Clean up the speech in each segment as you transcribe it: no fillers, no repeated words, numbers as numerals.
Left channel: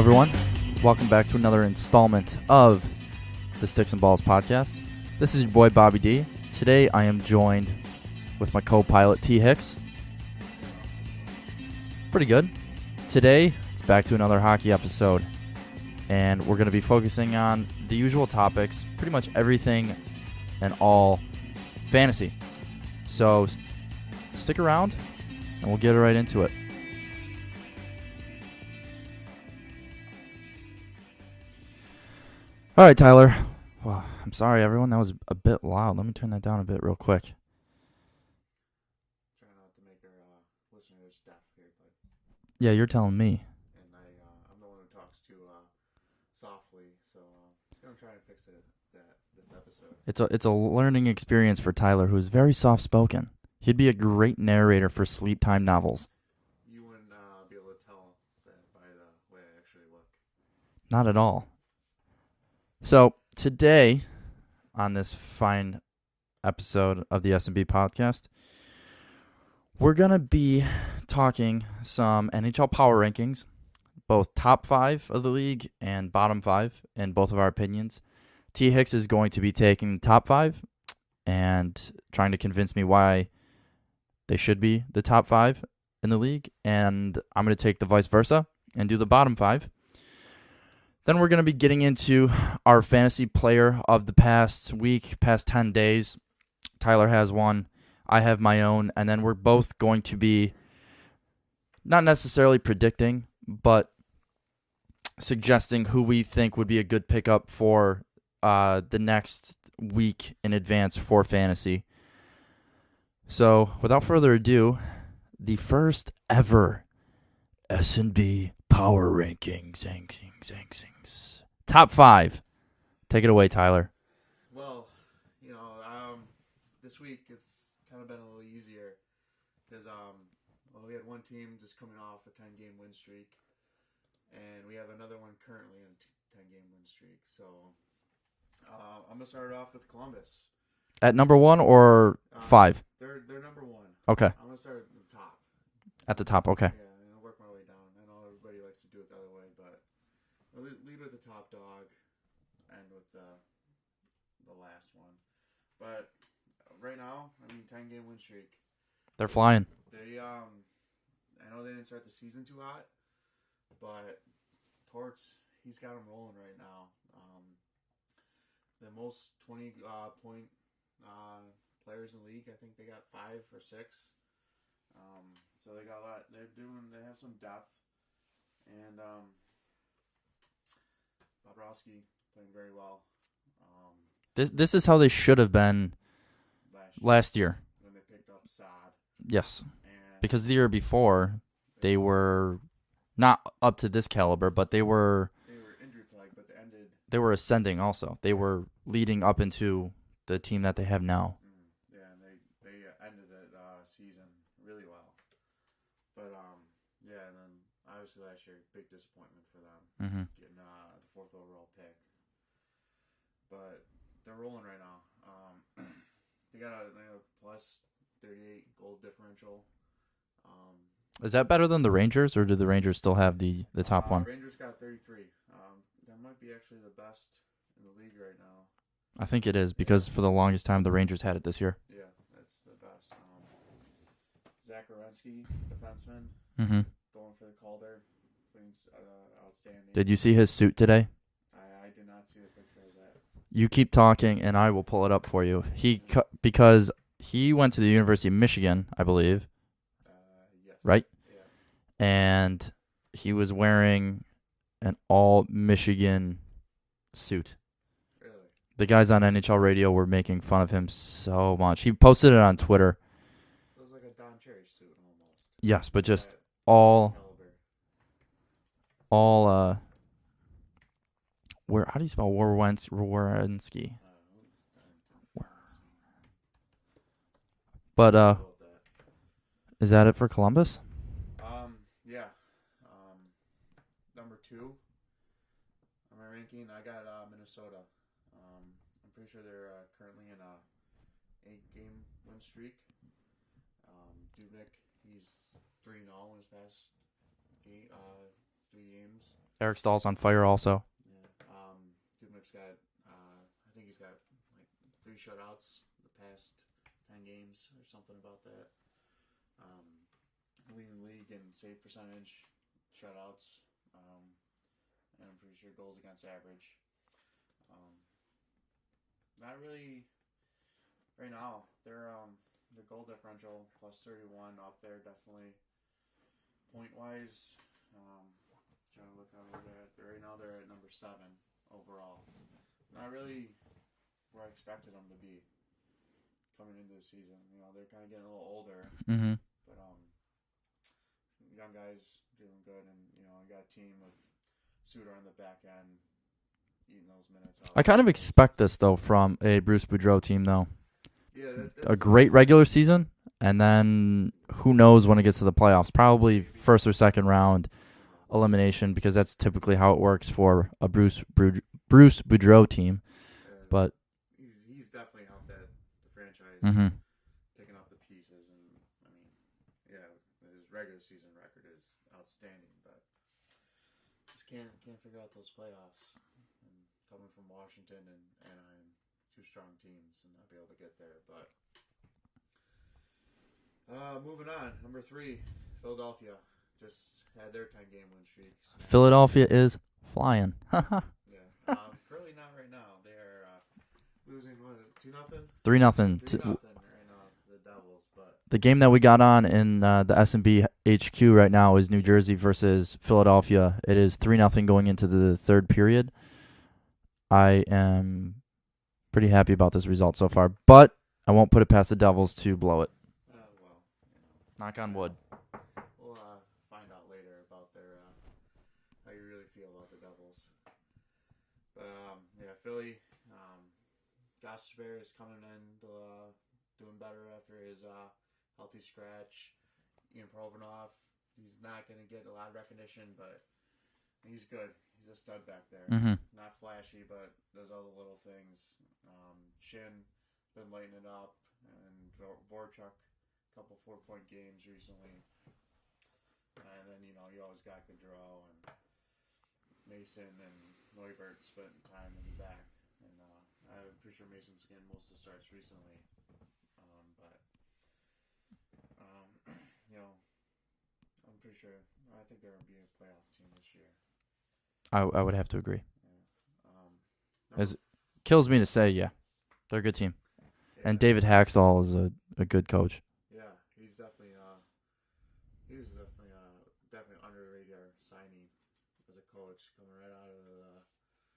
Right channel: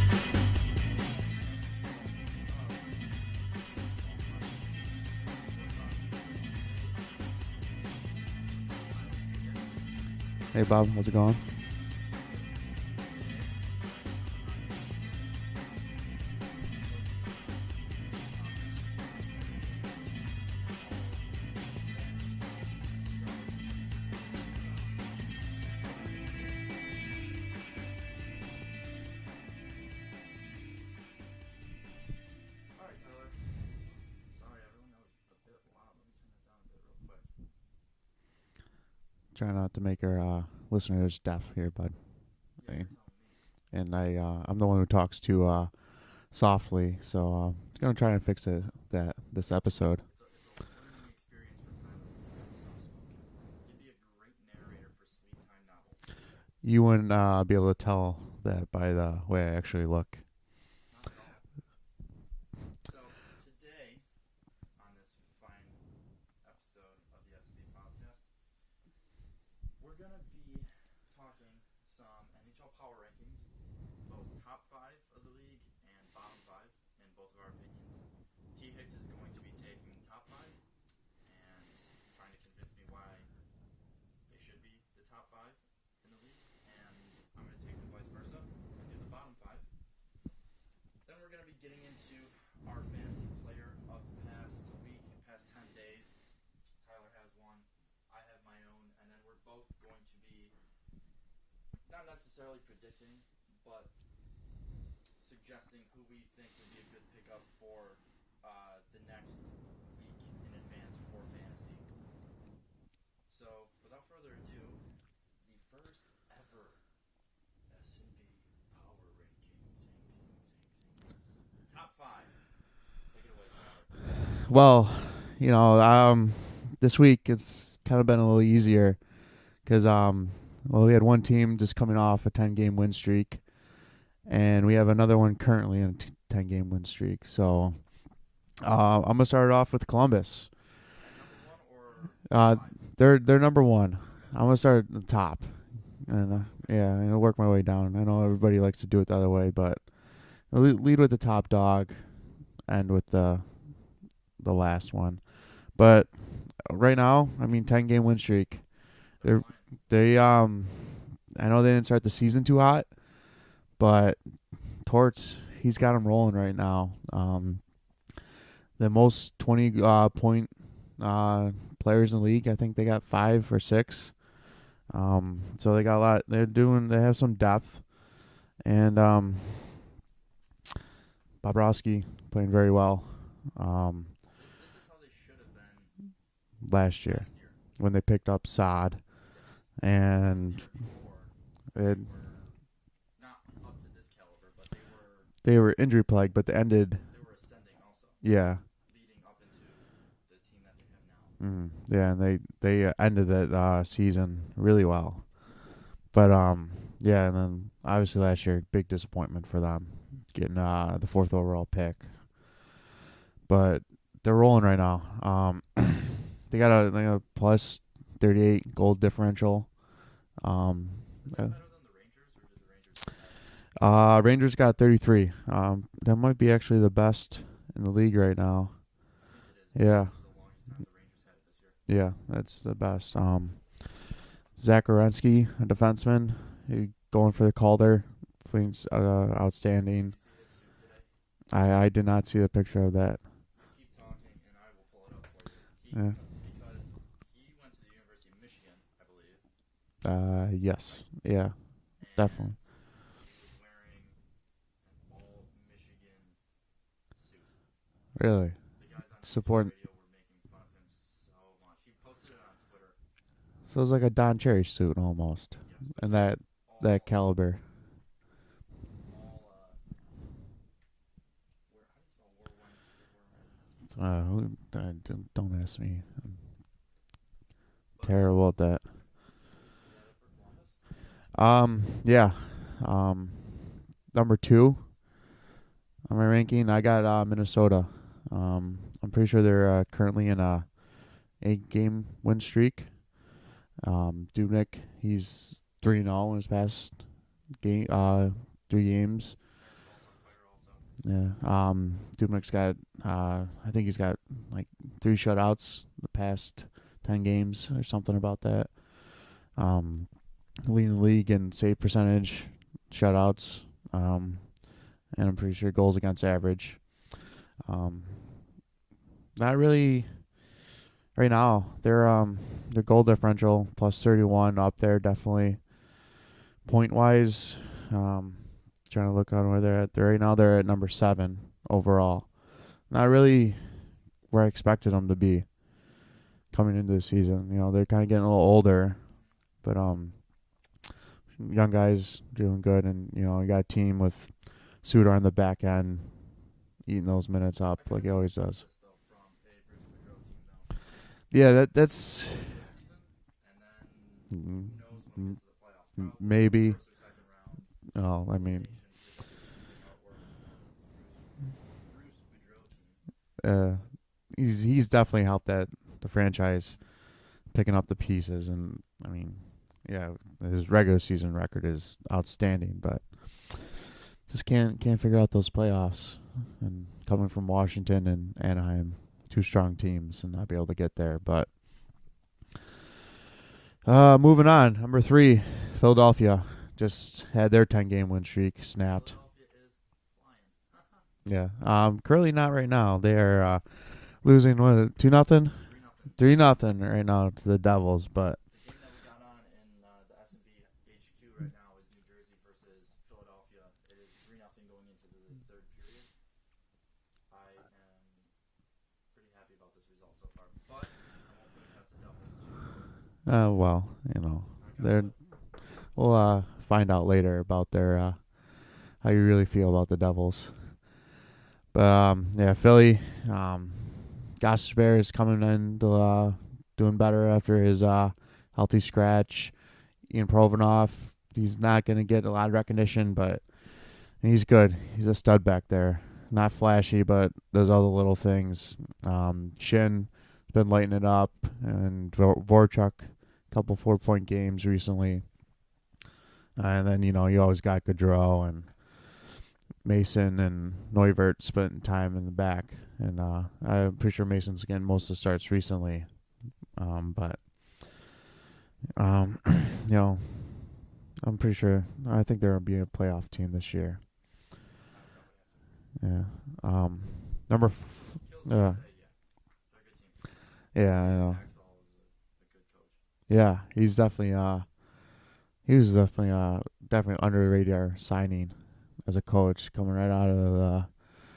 everyone. Welcome back to another installment of the Sticks and Balls podcast. This is your boy, Bobby D. Today, I am joined with my co-pilot, T. Hicks. Hey, Bob. How's it going? Pretty good. Today, it's back to another hockey episode, and we're going to be focusing on the usual topics, pretty much everything and all fantasy. So, stick around, and we'll get right into it. All right, Tyler. Well, I'm sorry, everyone. That was a bit loud. Let me turn that down a bit real quick. Try not to make our listeners deaf here, bud. Yeah, you're telling me. And I'm the one who talks too softly, so I'm gonna try and fix this episode. It's a learning experience for Tyler, who's very soft-spoken. He'd be a great narrator for sleep time novels. You wouldn't be able to tell that by the way I actually look. Not at all. So today, on this fine episode of the SnB podcast, we're going to be talking some NHL Power Rankings, both top 5 of the league and bottom 5 in both of our opinions. T. Hicks is going to be taking the top 5 and trying to convince me why they should be the top 5 in the league, and I'm going to take the vice versa and do the bottom 5. Then we're going to be getting into our fantasy player of the past week, past 10 days. Tyler has one. I have my own. And then we're both going to be not necessarily predicting, but suggesting who we think would be a good pickup for the next week in advance for fantasy. So without further ado, the first ever SnB Power Rankings. Top 5. Take it away, Tyler. Well, this week it's kind of been a little easier because we had one team just coming off a 10-game win streak, and we have another one currently in a 10-game win streak. So I'm gonna start it off with Columbus At number 1 or 5? They're number 1. Okay. I'm gonna start at the top. At the top, okay. Yeah, and I'll work my way down. I know everybody likes to do it the other way, but I'll lead with the top dog, end with the last one. But right now, 10-game win streak. They're flying. I know they didn't start the season too hot, but Torts, he's got them rolling right now. The most 20-point players in the league, I think they got 5 or 6. So they got a lot. They have some depth, and Bobrovsky playing very well. This is how they should have been last year when they picked up Saad. Yes, and because the year before they were not up to this caliber, but they were injury plagued, but they were ascending also. They were leading up into the team that they have now. Yeah, and they ended that season really well. But and then obviously last year, big disappointment for them getting the 4th overall pick. But they're rolling right now. They got a plus 38 goal differential. Is that better than the Rangers, or do the Rangers still have the top one? Rangers got 33. That might be actually the best in the league right now. I think it is, because for the longest time the Rangers had it this year. Yeah, that's the best. Zach Werenski, a defenseman, going for the Calder, outstanding. Did you see his suit today? I did not see the picture of that. You keep talking, and I will pull it up for you. Because he went to the University of Michigan, I believe. Yes. Right? Yeah. And he was wearing an all-Michigan suit. Really? The guys on NHL radio were making fun of him so much. He posted it on Twitter. So it was like a Don Cherry suit almost. Yes, but and just that caliber. All how do you spell Werenski? Don't ask me. But about that. Is that it for Columbus? Yeah. Number 2 on my ranking, I got Minnesota. I'm pretty sure they're currently in a 8-game win streak. Dubnyk, he's 3-0 in his past 3 games. Eric Stahl's on fire also. Yeah. Dubnik's got, I think he's got like 3 shutouts the past 10 games or something about that. Leading the league in save percentage, shutouts, and I'm pretty sure goals against average. Not really right now. Their goal differential plus 31 up there definitely. Point wise, trying to look on where they're at. Right now they're at number 7 overall. Not really where I expected them to be coming into the season. You know, they're kind of getting a little older, but young guys doing good, and you know, you got a team with Suter on the back end eating those minutes up. I kind of expect this though from a Bruce Boudreau team though. Yeah, that's a great regular season, and then who knows when it gets to the playoffs? Probably maybe first or second round elimination, because that's typically how it works for a Bruce Boudreau team. But he's definitely helped the franchise picking up the pieces, and I mean, yeah, his regular season record is outstanding, but just can't figure out those playoffs. And coming from Washington and Anaheim, 2 strong teams, and not be able to get there. But moving on, number 3, Philadelphia just had their 10-game win streak snapped. Philadelphia is flying. Yeah. Currently not right now. They are losing 2-0, 3-0, 3-0 right now to the Devils. But the game that we got on in the SnB HQ right now is New Jersey versus Philadelphia. It is 3-0 going into the third period. I am pretty happy about this result so far, but I won't put it past the Devils to blow it. Well, you know, knock on wood. We'll find out later about their how you really feel about the Devils. But yeah, Philly, Gostisbehere is coming in to, doing better after his healthy scratch. Ian Provorov, he's not going to get a lot of recognition, but he's good. He's a stud back there. Not flashy, but does all the little things. Shin has been lighting it up, and Vorchuk, a couple 4-point games recently. And then, you know, you always got Gaudreau and Mason and Neuvert spending time in the back. And I'm pretty sure Mason's getting most of the starts recently. But, you know, I'm pretty sure. I think they're going to be a playoff team this year. I would have to agree. Yeah. Kills me to say, yeah, they're a good team. Yeah. And David Haxall is a good coach. Yeah, he's definitely he was definitely under the radar signing as a coach coming right out of the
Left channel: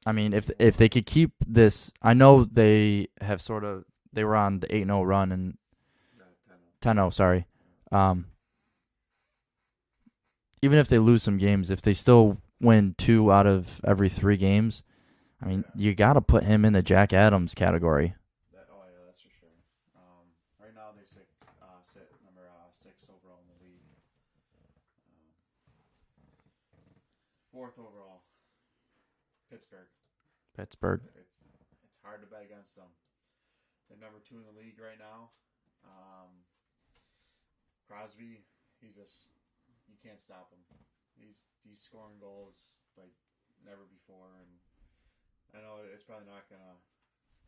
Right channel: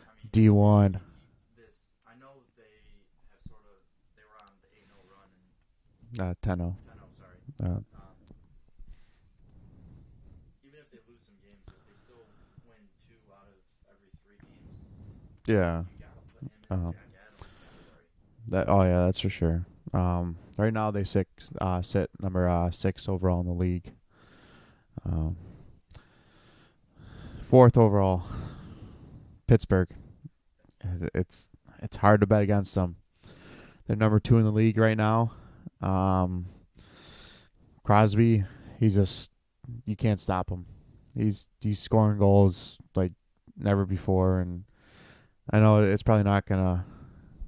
I mean, D1. if they could keep this, I know they have they were on the 8-0 run and 10-0. 10-0, sorry. Even if they lose some games, if they still win 2 out of every 3 games, I mean, you got to put him in the Jack Adams category. That's for sure. Right now they sit number 6 overall in the league. 4th overall, Pittsburgh. It's hard to bet against them. They're number 2 in the league right now. Crosby, you can't stop him. He's scoring goals like never before, and I know it's probably not gonna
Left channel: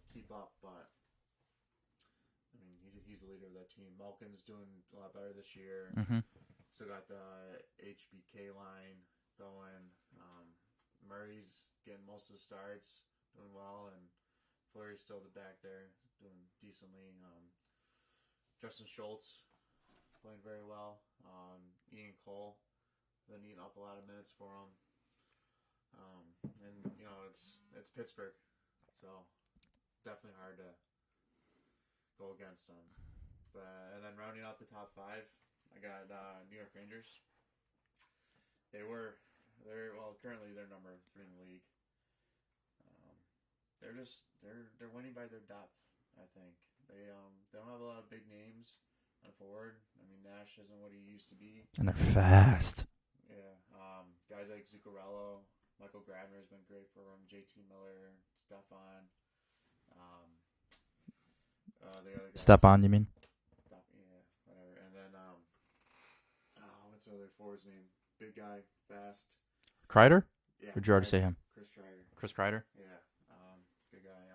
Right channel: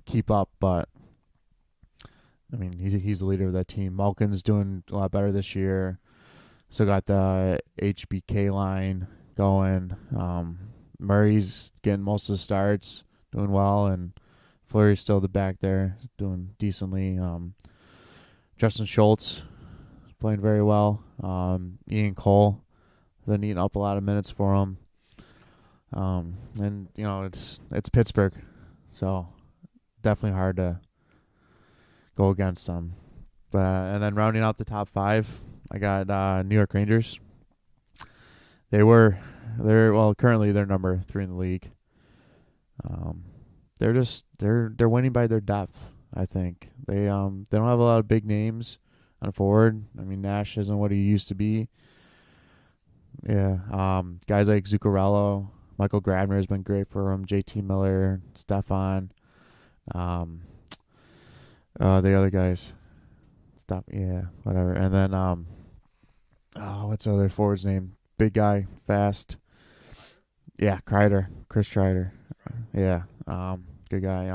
keep up, but I mean he's the leader of that team. Malkin's doing a lot better this year. So got the HBK line going. Murray's getting most of the starts, doing well, and Fleury's still the back there, doing decently. Justin Schultz is playing very well. Ian Cole been eating up a lot of minutes for him. And you know it's Pittsburgh, so definitely hard to go against them. But and then rounding out the top 5, I got New York Rangers. Currently they're number 3 in the league. They're winning by their depth. I think they don't have a lot of big names on forward. I mean, Nash isn't what he used to be, and they're fast. Yeah. Guys like Zuccarello, Michael Grabner has been great for him. JT Miller, Stefan. The other guys. Stepan, you mean? Yeah, whatever. And then what's the other forward's name? Big guy, fast. Kreider? Yeah, Would you ever see Kreider. him? Chris Kreider. Chris Kreider? Yeah. Good guy.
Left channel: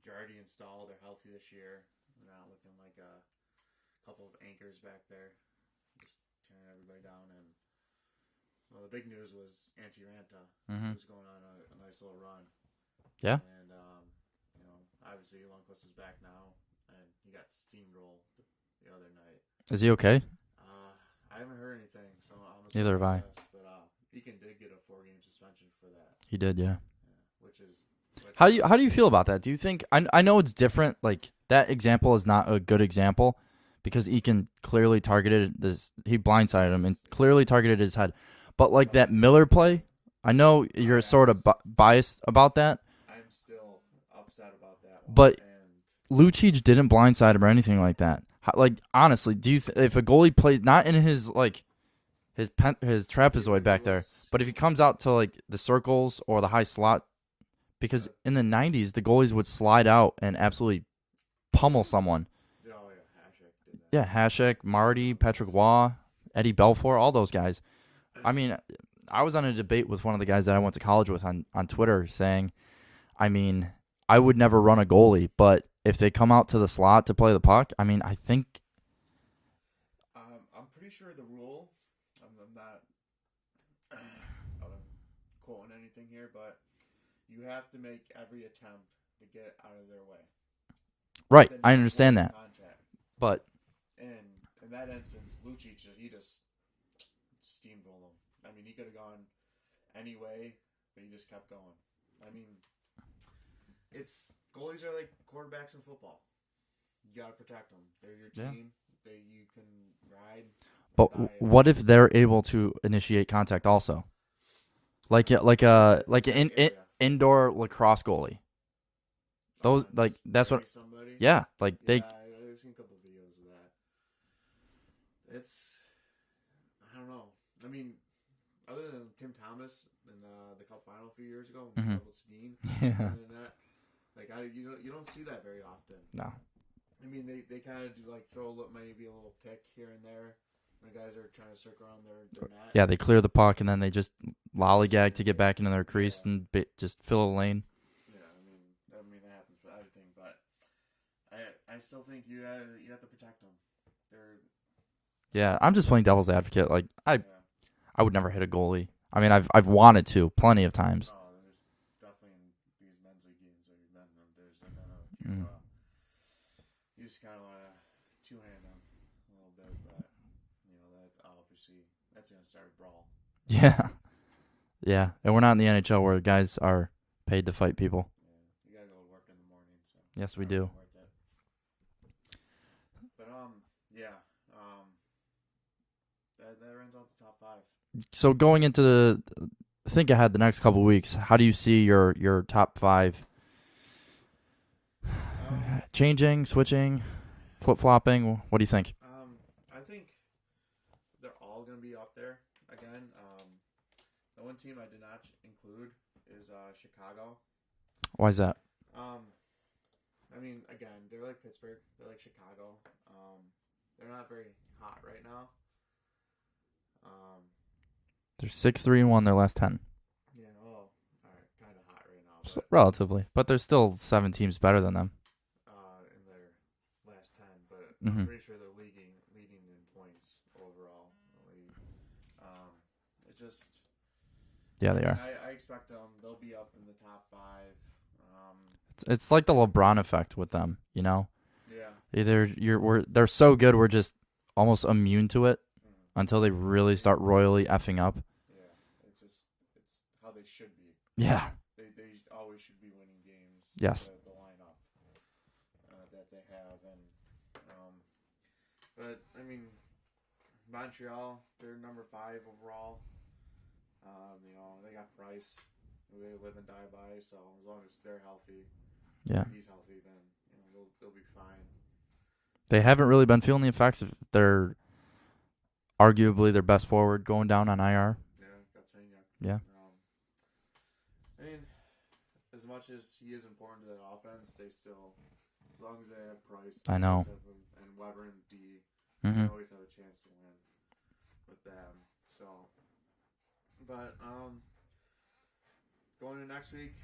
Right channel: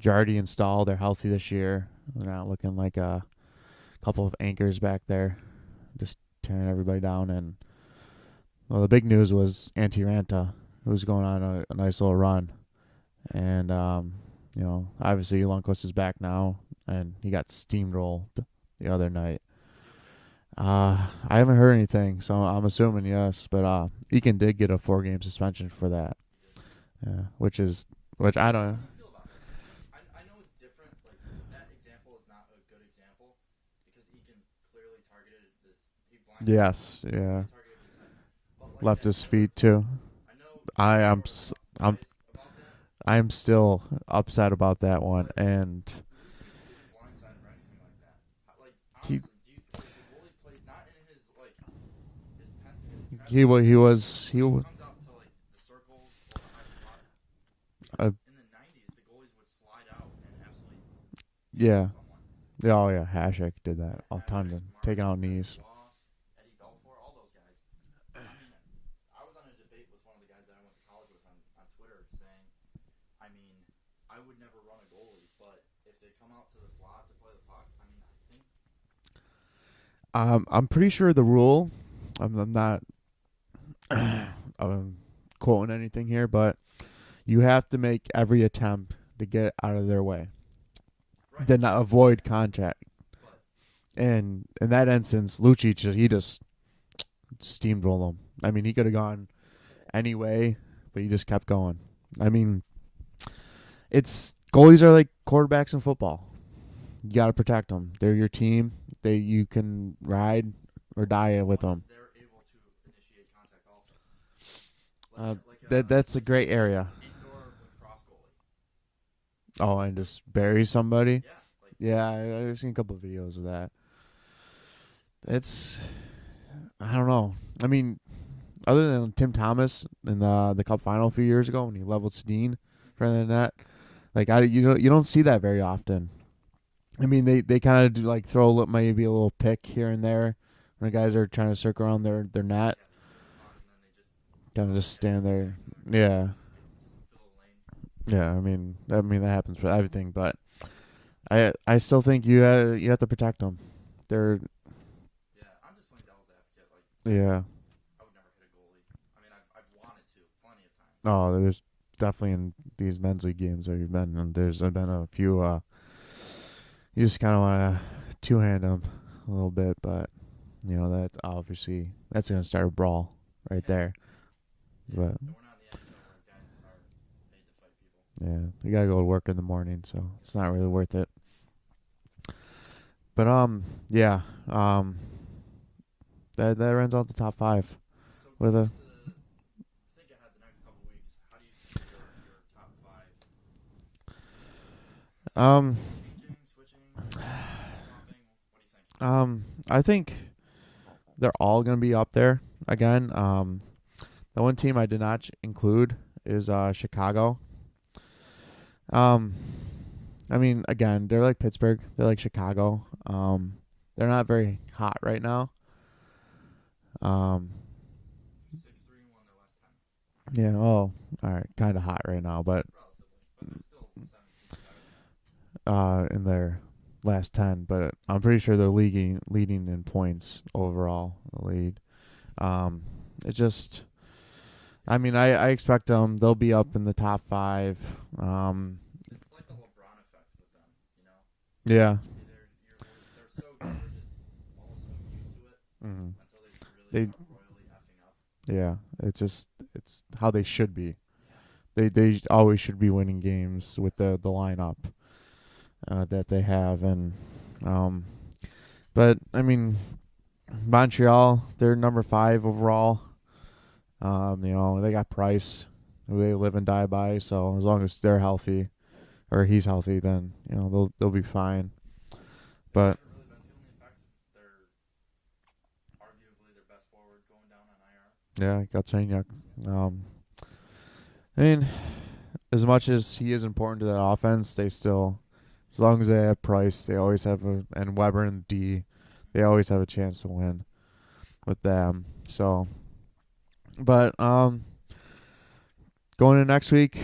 Jardy and Stahl, they're healthy this year. They're not looking like a couple of anchors back there, just tearing everybody down. And well, the big news was Antti Ranta, who's going on a nice little run. Yeah. And obviously Lundqvist is back now, and he got steamrolled the other night. Is he okay? I haven't heard anything, so I'm assuming have I. yes. But Eakin did get a 4-game suspension for that. He did, yeah. Yeah, How do you feel about that? Do you think I know it's different? Like that example is not a good example because Eakin clearly targeted this. He blindsided him and clearly targeted his head. But like left that Miller play, too. I know you're sort of biased about that. I'm still upset about that one. But and Lucic didn't blindside him or anything like that. Like honestly, do you if a goalie plays not in his like his trapezoid back there, but if he comes out to like the circles or the high slot, because in the 90s the goalies would slide out and absolutely pummel someone. Oh yeah, Hasek did that. Yeah, Hasek, Marty, Patrick Waugh, Eddie Belfour, all those guys. I mean, I was on a debate with one of the guys that I went to college with on Twitter saying, I mean, I would never run a goalie, but if they come out to the slot to play the puck, I mean, I think. I'm pretty sure the rule. I'm not quoting anything here, but you have to make every attempt to get out of their way. Right, to not I understand that. Contact. But and in that instance, Lucic, he just steamrolled him. I mean, he could have gone any way, but he just kept going. I mean, goalies are like quarterbacks in football. You got to protect them. They're your team. You can ride or die. What if they're able to initiate contact also? Like an indoor lacrosse goalie. That's bury somebody. Yeah, I've seen a couple of videos of that. I don't know. I mean, other than Tim Thomas in the Cup final a few years ago when he leveled Sedin, rather than that, you don't see that very often. No. I mean, they kind of do throw maybe a little pick here and there when the guys are trying to circle around their net. Yeah, they clear the puck and then they just lollygag to get back into their crease and just fill a lane. Yeah, I mean that happens for everything, but I still think you have to protect them. I'm just playing devil's advocate. I would never hit a goalie. I mean, I've wanted to plenty of times. Oh, there's definitely in these men's league games that you've been in. There's been a few. You just kind of want to two-hand them a little bit, but that obviously that's gonna start a brawl. Right there. Yeah, and we're not in the NHL where guys are paid to fight people. Yeah, you gotta go to work in the morning, so it's not really worth it. But that rounds out the top 5. So going into think ahead the next couple of weeks, how do you see your top 5? Changing, switching, flip-flopping. What do you think? I think they're all gonna be up there again. The one team I did not include is Chicago. Why is that? I mean, again, they're like Pittsburgh. They're like Chicago. They're not very hot right now. They're 6-3-1 their last 10. Yeah. Oh, all right. Kind of hot right now, but relatively. But there's still 7 teams better than them. In their last 10, but I'm pretty sure they're leading in points overall in the league. It just. Yeah, I mean, I expect them. They'll be up in the top 5. It's like the LeBron effect with them, Yeah. Either they're so good we're just almost immune to it until they really start royally effing up. Yeah, it's how they should be. Yeah, they always should be winning games with the lineup that they have, and but I mean, Montreal, they're number 5 overall. They got Price, who they live and die by. So as long as they're healthy, or he's healthy, then they'll be fine. They haven't really been feeling the effects of arguably their best forward going down on IR. Yeah, Galchenyuk. Yeah. I mean, as much as he is important to that offense, they still, as long as they have Price, they always have and Weber and D, they always have a chance to win with them. So, but going into next week,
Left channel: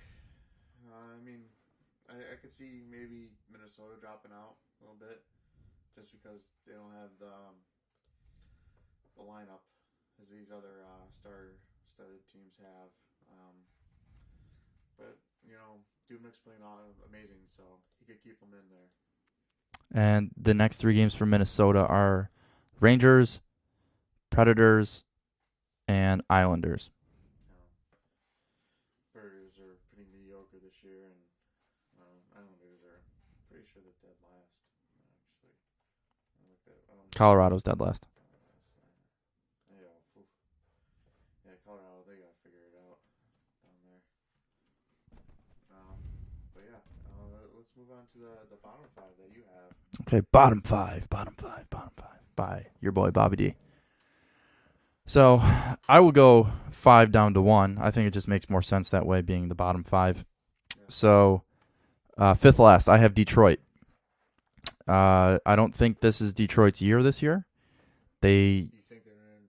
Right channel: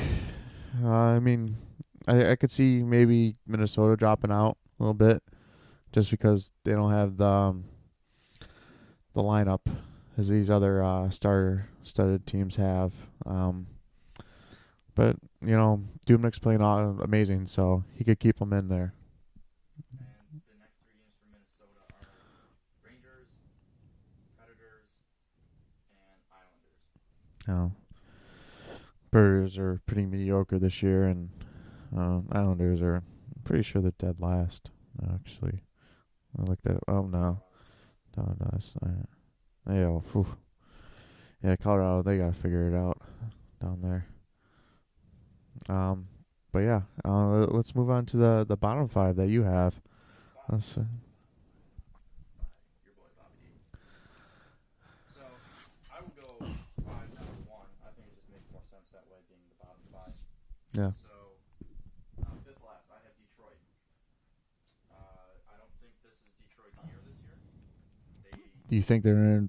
I mean, I could see maybe Minnesota dropping out a little bit, just because they don't have the lineup as these other star-studded teams have. But Dubnik's playing amazing, so he could keep them in there. And the next 3 games for Minnesota are Rangers, Predators, and Islanders. Predators are pretty mediocre this year, and Islanders are pretty sure they're dead last. Actually, I looked at it. Oh no, Colorado's dead last. No, yeah, Colorado, they gotta figure it out down there. But yeah, let's move on to the bottom 5 that you have. Okay, bottom five by your boy Bobby D. So I will go 5 down to 1. I think it just makes more sense that way, being the bottom 5. Yeah. So 5th last, I have Detroit. I don't think this is Detroit's year this year. Do you think the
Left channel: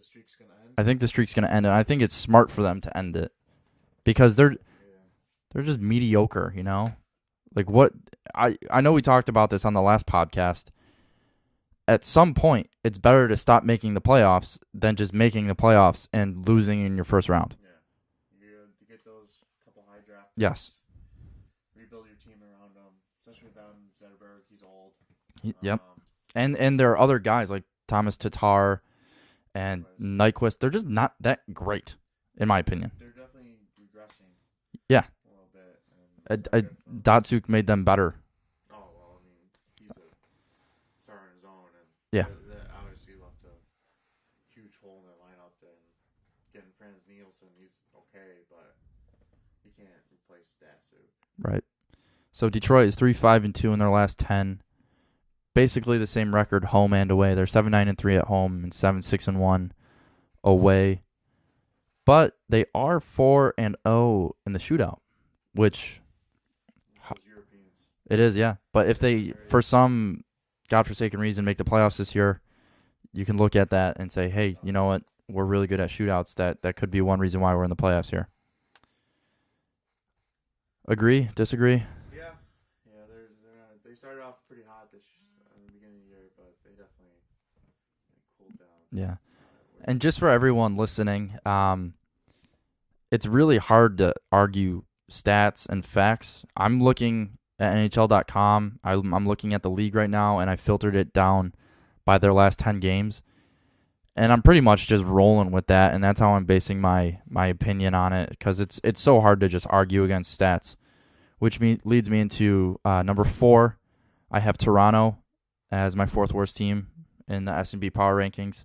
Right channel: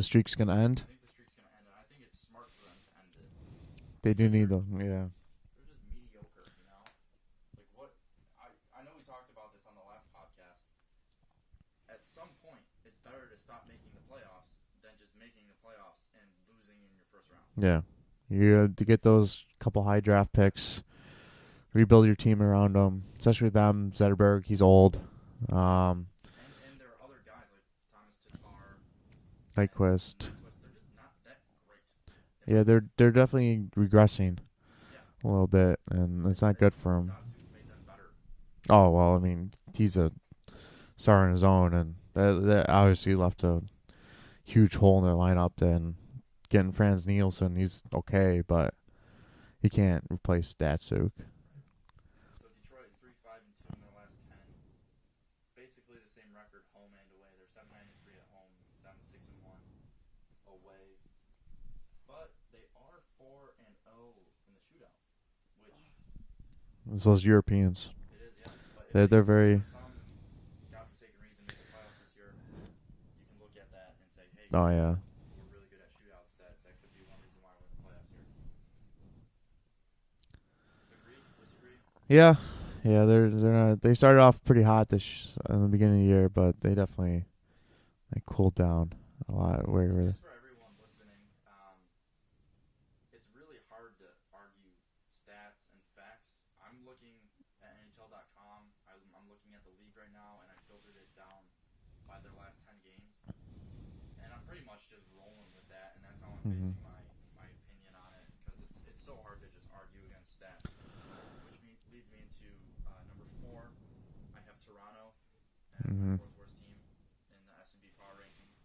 streak's gonna end? I think the streak's gonna end, and I think it's smart for them to end it because they're just mediocre. Like what I know we talked about this on the last podcast. At some point, it's better to stop making the playoffs than just making the playoffs and losing in your first round. Yeah. You have to get those couple high draft picks. Yes. Rebuild your team around them, especially with them. Zetterberg, he's old. Yep. And there are other guys like Thomas Tatar and Nyquist. They're just not that great, in my opinion. They're definitely regressing. Yeah. A little bit, and it's not good for them. Datsuk made them better. Oh, well, I mean, he's a star on his own, and that obviously left a huge hole in their lineup. Then getting Franz Nielsen, he's okay, but he can't replace Datsuk. Right. So Detroit is 3-5-2 in their last 10. Basically the same record home and away. They're 7-9-3 at home and 7-6-1 away. But they are 4-0 in the shootout, which it's those Europeans. It is, yeah. But if they for some godforsaken reason make the playoffs this year, you can look at that and say, hey, you know what? We're really good at shootouts. That could be one reason why we're in the playoffs here. Agree? Disagree? Yeah. They're not, they started off pretty hot in the beginning of the year, but they definitely cooled down a lot. And just for everyone listening, it's really hard to argue stats and facts. I'm looking at NHL.com. I'm looking at the league right now, and I filtered it down by their last 10 games. And I'm pretty much just rolling with that, and that's how I'm basing my opinion on it, because it's so hard to just argue against stats, which leads me into number 4. I have Toronto as my 4th worst team in the SnB Power Rankings.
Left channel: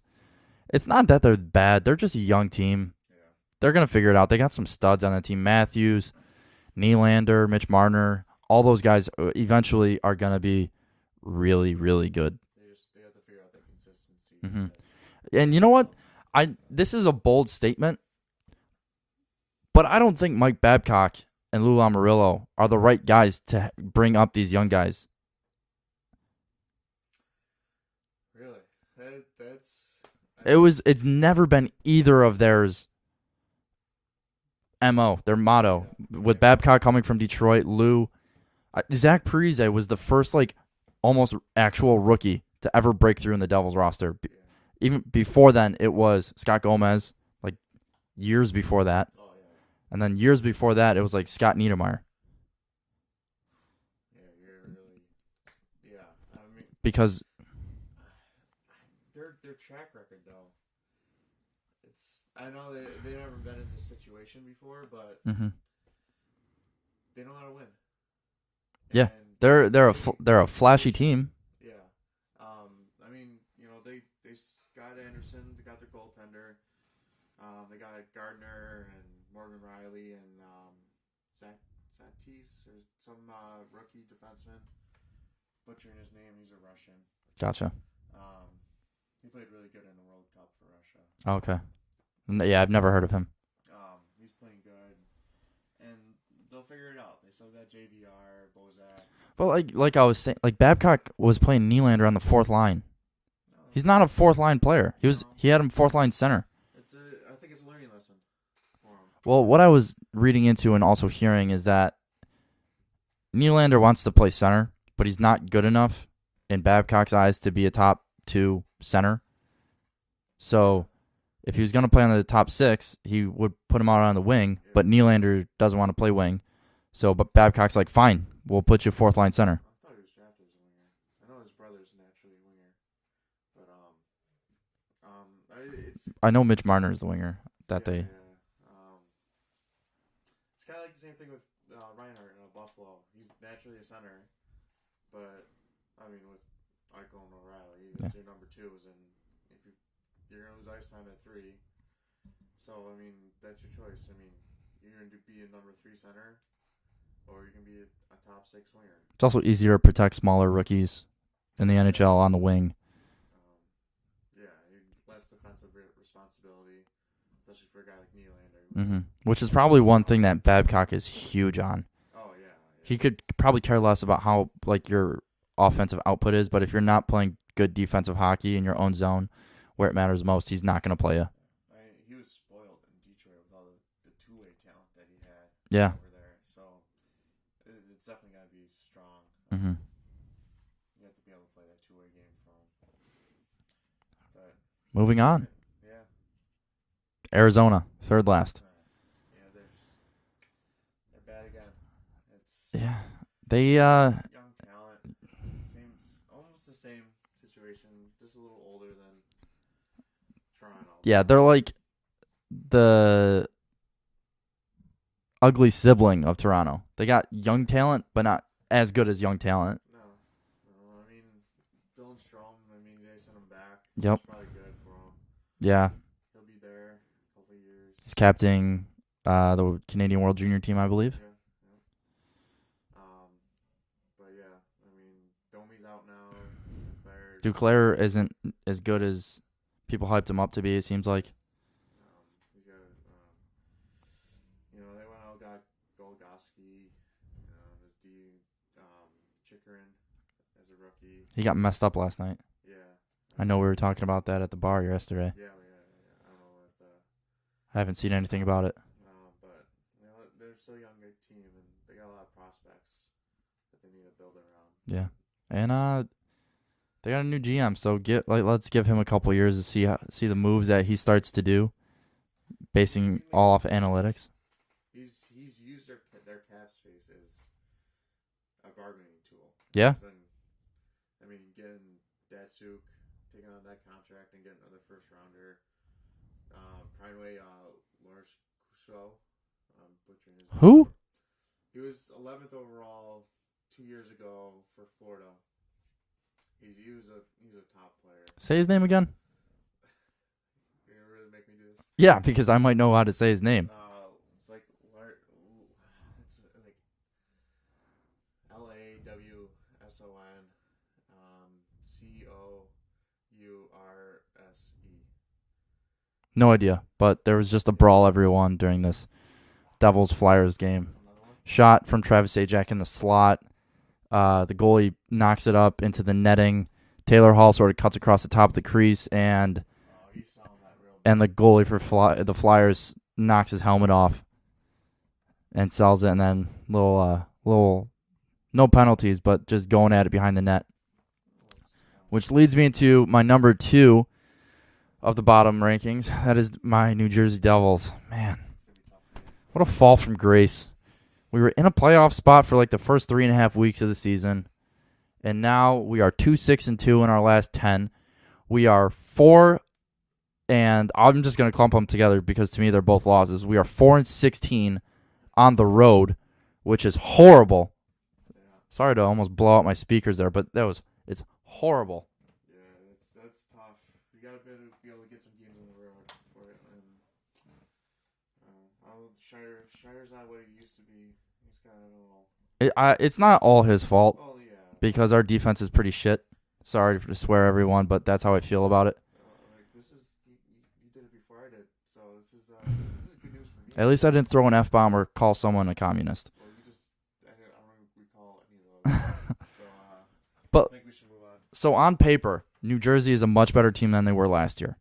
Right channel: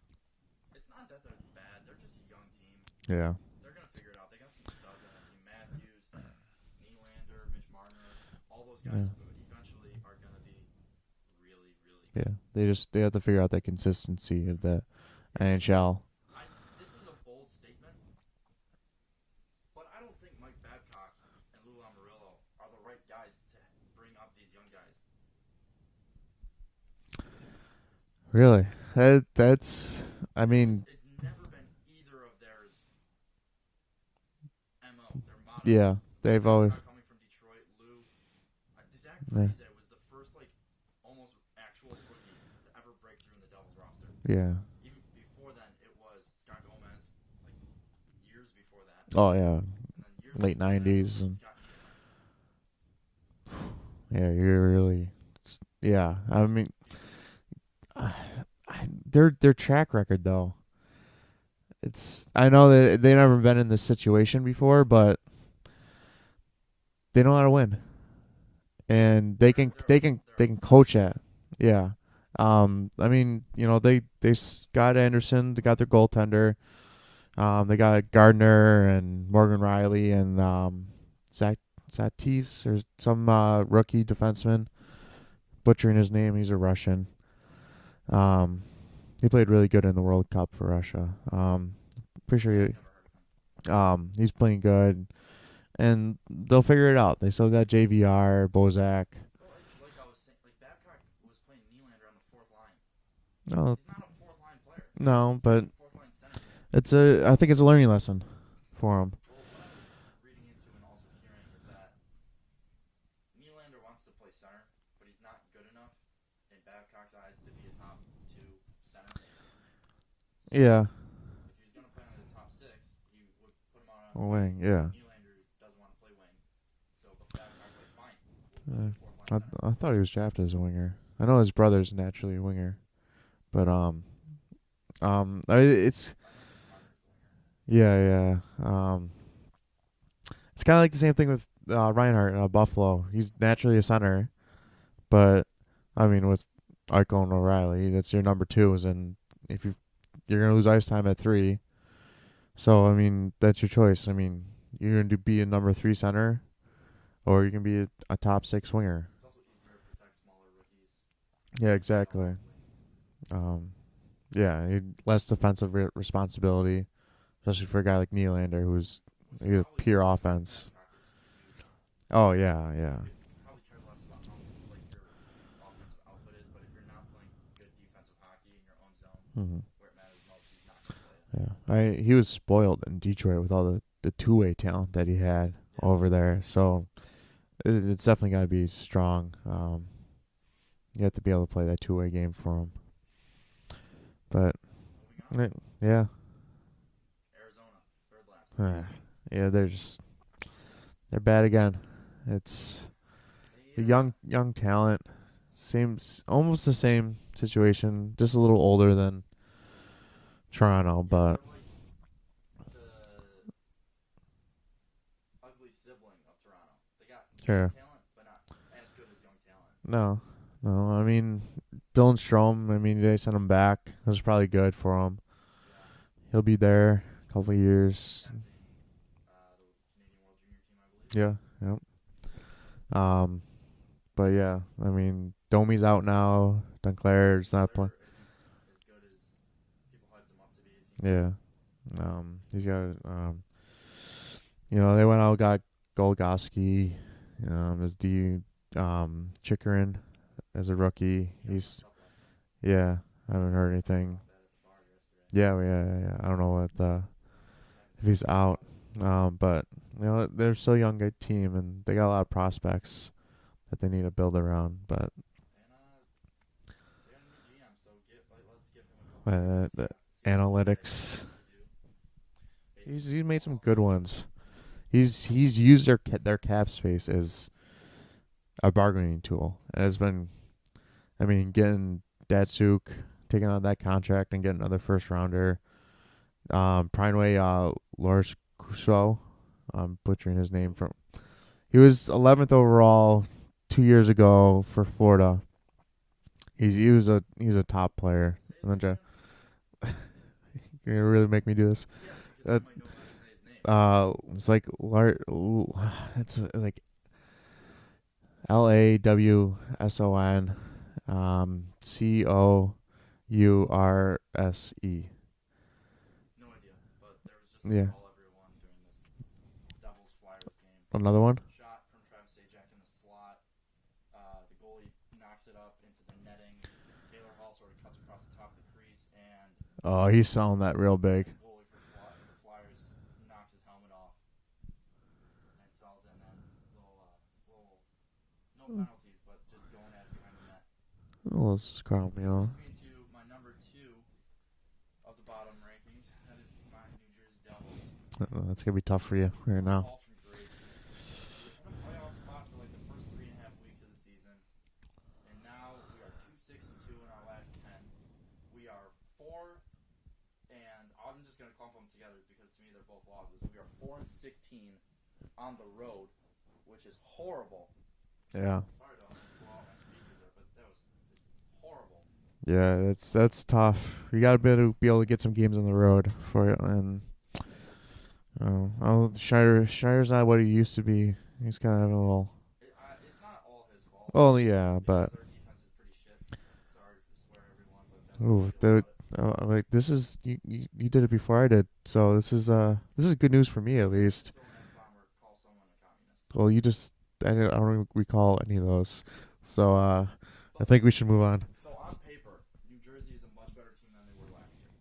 It's not that they're bad. They're just a young team. Yeah. They're going to figure it out. They got some studs on the team. Matthews, Nylander, Mitch Marner, all those guys eventually are going to be really, really good. They have to figure out that consistency with that. And NHL. You know what? This is a bold statement, but I don't think Mike Babcock and Lou Lamoriello are the right guys to bring up these young guys. Really? It's never been either of theirs MO, their motto. Yeah, with Babcock coming from Detroit, Lou, Zach Parise was the first almost actual rookie to ever break through in the Devils roster. Yeah. Even before then, it was Scott Gomez, years before that. Oh, yeah. And then years before that, it was Scott Niedermayer. Yeah, you're really... Yeah, I mean... Because... Their track record, though. I know that they've never been in this situation before, but they know how to win. And they're a flashy team. Yeah. I mean, they got Anderson, they got their goaltender. They got Gardner and Morgan Riley and Zateevs or some rookie defenseman. Butchering his name, he's a Russian. Gotcha. He played really good in the World Cup for Russia. Okay. I've never heard of him. He's playing good, and they'll figure it out. They still got JVR, Bozak. Well, like I was saying, Babcock was playing Nylander on the 4th line. No, he's not a 4th line player. He had him 4th line center. I think it's a learning lesson for him. Well, what I was reading into and also hearing is that Nylander wants to play center, but he's not good enough in Babcock's eyes to be a top 2 center. So if he was going to play on the top 6, he would put him out on the wing, but Nylander doesn't want to play wing. So, but Babcock's like, fine, we'll put you 4th line center. I thought he was drafted as a winger. I know his brother's naturally a winger, but it's I know Mitch Marner is the winger. It's kind of like the same thing with Reinhardt in Buffalo. He's naturally a center, but I mean with Eichel and O'Reilly, that's your number 2s, and if you're gonna lose ice time at 3, so I mean that's your choice. I mean you're gonna be a number 3 center, or you can be a top 6 winger. It's also easier to protect smaller rookies in the NHL on the wing. Less defensive responsibility, especially for a guy like Nylander, who's which is probably one thing that Babcock is huge on. Oh yeah. He could probably care less about how your offensive output is, but if you're not playing good defensive hockey in your own zone, where it matters most, he's not going to play you. Yeah, he was spoiled in Detroit with all the two-way talent that he had over there. So it's definitely got to be strong. You have to be able to play that two-way game for him. But moving on. Yeah. Arizona, 3rd last. They're bad again. It's they young talent. Seems almost the same situation, just a little older than Toronto. Yeah, they're like the ugly sibling of Toronto. They got young talent, but not as good as young talent. No. I mean, Dylan Strome, they sent him back. Yep. It was probably good for him. Yeah. He'll be there a couple of years. He's captaining the Canadian World Junior team, I believe. Yeah. Yep. But yeah, Domi's out now. Duclair isn't as good as people hyped him up to be, it seems like. He's got they went out and got Golgoski, Chikrin as a rookie. He got messed up last night. Yeah. I know we were talking about that at the bar yesterday. Yeah. I don't know what I haven't seen anything about it. But they're still a young good team, and they got a lot of prospects that they need to build around. But and they got a new GM, so let's give him a couple years to see the moves that he starts to do, basing all off analytics. He's used their cap space as a bargaining tool. Yeah. It's been, getting Datsuk, taking on that contract and getting another first rounder. Prineway Lars Kuso, I'm butchering his name. Who? He was 11th overall 2 years ago for Florida. He's a top player. Say his name again. You're gonna really make me do this? Yeah, because I might know how to say his name. It's like it's like LAWSON, COURSE. No idea, but there was just a brawl everyone during this Devils-Flyers game. Another one? Shot from Travis Zajac in the slot. The goalie knocks it up into the netting. Taylor Hall sort of cuts across the top of the crease, and he's selling that real big. And the goalie for the Flyers knocks his helmet off and sells it, and then little no penalties, but just going at it behind the net. Which leads me into my number 2 of the bottom rankings. That is my New Jersey Devils. Man, that's going to be tough for you. What a fall from grace. We were in a playoff spot for like the first 3.5 weeks of the season, and now we are 2-6-2 in our last 10. We are 4, and I'm just going to clump them together because to me they're both losses. We are 4-16 on the road, which is horrible. Yeah. Sorry to almost blow out my speakers there, but it's horrible. Yeah, that's tough. You got to be able to get some games on the road for it, and Schneider's not what he used to be. He's kind of a little. It's not all his fault. Oh yeah, because our defense is pretty shit. Sorry to swear, everyone, but that's how I feel about it. This is you did it before I did, so this is good news for me. At least I didn't throw an F-bomb or call someone a communist. Well, I don't recall any of those. So but I think we should move on. So on paper, New Jersey is a much better team than they were last year.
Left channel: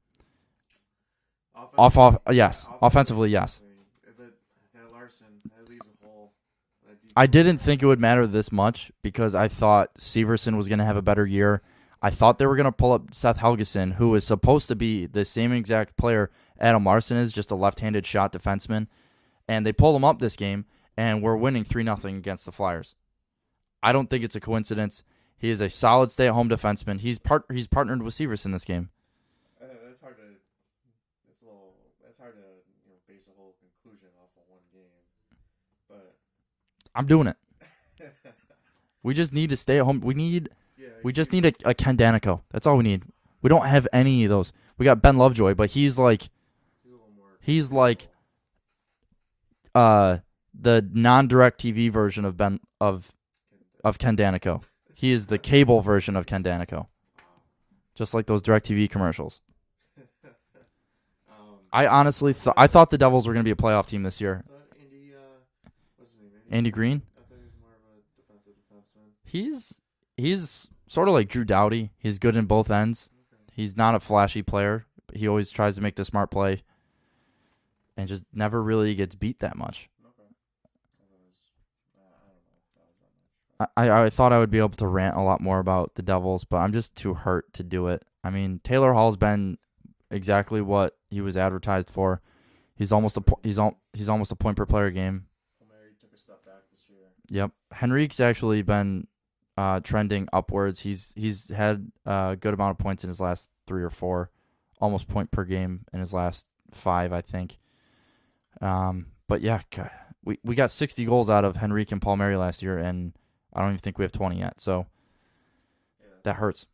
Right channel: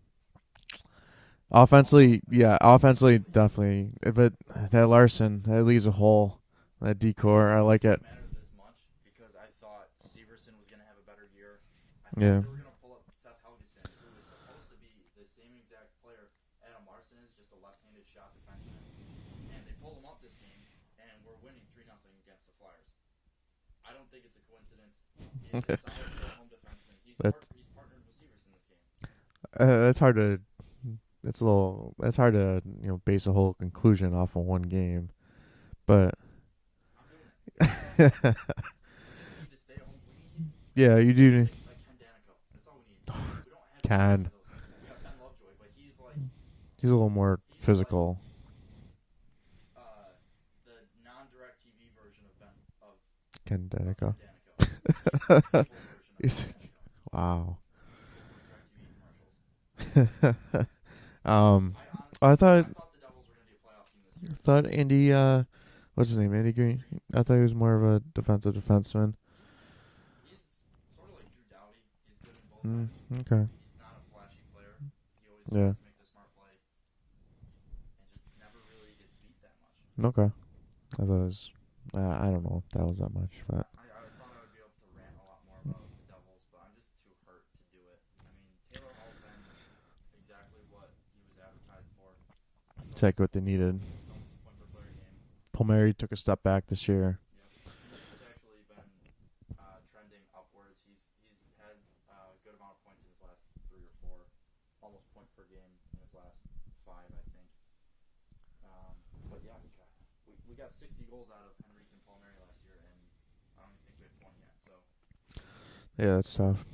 Offensively, yes. Offensively, yes. definitely. But that Larson, that leaves a hole. That decor, I didn't think like it would matter this much because I thought Severson was going to have a better year. I thought they were going to pull up Seth Helgeson, who is supposed to be the same exact player Adam Larson is, just a left-handed shot defenseman. And they pulled him up this game, and we're winning 3-0 against the Flyers. I don't think it's a coincidence. He is a solid stay-at-home defenseman. He's partnered with Severson this game. That's hard to. That's hard to base a whole conclusion off of one game, but I'm doing it. We just need to stay at home. We just need a Ken Danico. That's all we need. We don't have any of those. We got Ben Lovejoy, but he's a little more. He's physical. The non-direct TV version of Ken Danico. He is the cable version of Ken Danico. Wow. Just like those direct TV commercials. I honestly thought the Devils were going to be a playoff team this year. I thought Andy, what's his name? Andy Green? I thought he was more of a defensive defenseman. He's sort of like Drew Doughty. He's good in both ends. Okay. He's not a flashy player. He always tries to make the smart play and just never really gets beat that much. Okay. I thought it was, I don't know if that was that much. But. I thought I would be able to rant a lot more about the Devils, but I'm just too hurt to do it. I mean, Taylor Hall's been exactly what he was advertised for. He's almost he's almost a point per player game. Palmieri took a step back this year. Yep. Henrique's actually been trending upwards. He's had a good amount of points in his last 3 or 4, almost point per game in his last 5, I think. But yeah, we got 60 goals out of Henrique and Palmieri last year, and I don't even think we have 20 yet. So yeah, that hurts.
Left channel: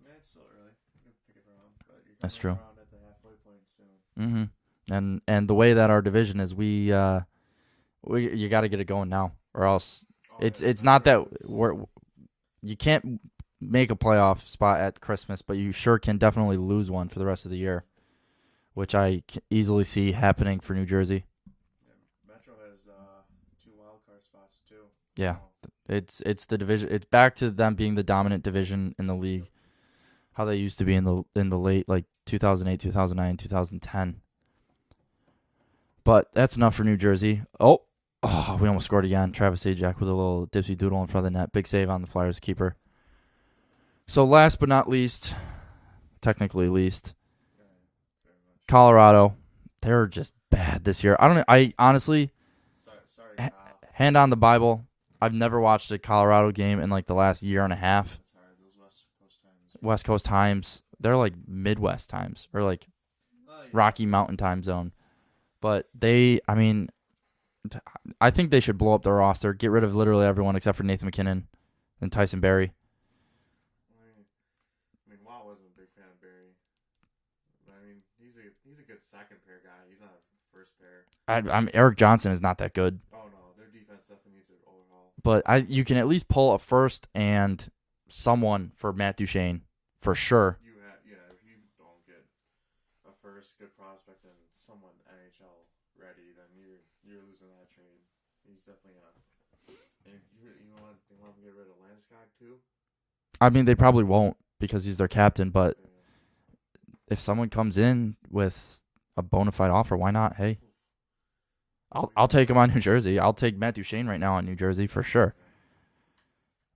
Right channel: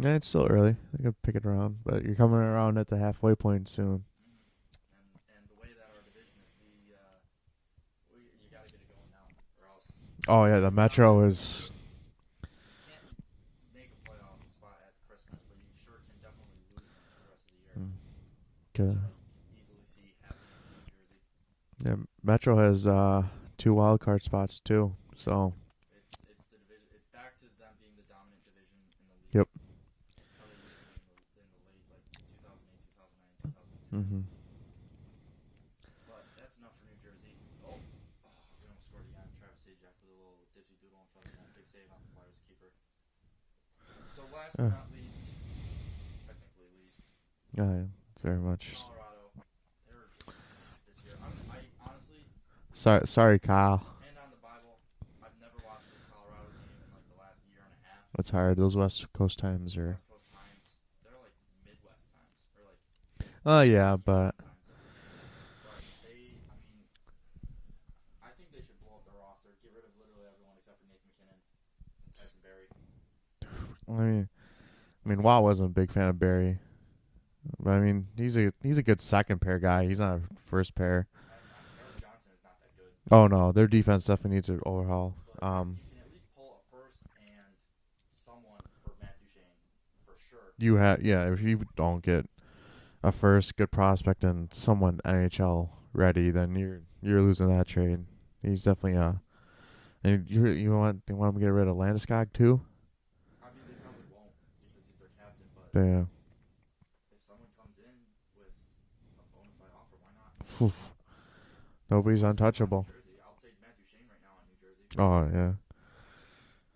Yeah, it's still early. I could pick it around, but you're coming around at the halfway point soon. Mm-hmm. And the way that our division is, you got to get it going now, or else. It's not that you can't make a playoff spot at Christmas, but you sure can definitely lose one for the rest of the year, which I can easily see happening for New Jersey. Yeah, Metro has 2 wild card spots too. Yeah, so. It's the division. It's back to them being the dominant division in the league. Yep. How they used to be in the late 2008, 2009, 2010. Mm-hmm. But that's enough for New Jersey. Oh, we almost scored again. Travis Zajac with a little dipsy doodle in front of the net. Big save on the Flyers keeper. So last but not least, technically least, very much. Colorado. They're just bad this year. I honestly. Sorry, Kyle. Hand on the Bible. I've never watched a Colorado game in the last year and a half. It's hard. Those West Coast times. West Coast times. They're like Midwest times or yeah, Rocky Mountain time zone. But I think they should blow up their roster, get rid of literally everyone except for Nathan McKinnon and Tyson Barrie. I mean, Watt wasn't a big fan of Barrie. But I mean, he's a good second pair guy. He's not a first pair. Eric Johnson is not that good. Oh no, their defense definitely needs an overhaul. But you can at least pull a first and someone for Matt Duchene for sure. If you don't get a first good prospect and someone NHL ready, then you're losing that trade. He's definitely and you want him to get rid of Landeskog too? I mean, they probably won't because he's their captain, but yeah. If someone comes in with a bona fide offer, why not? Hey, I'll take him on New Jersey. I'll take Matt Duchene right now on New Jersey for sure. Yeah.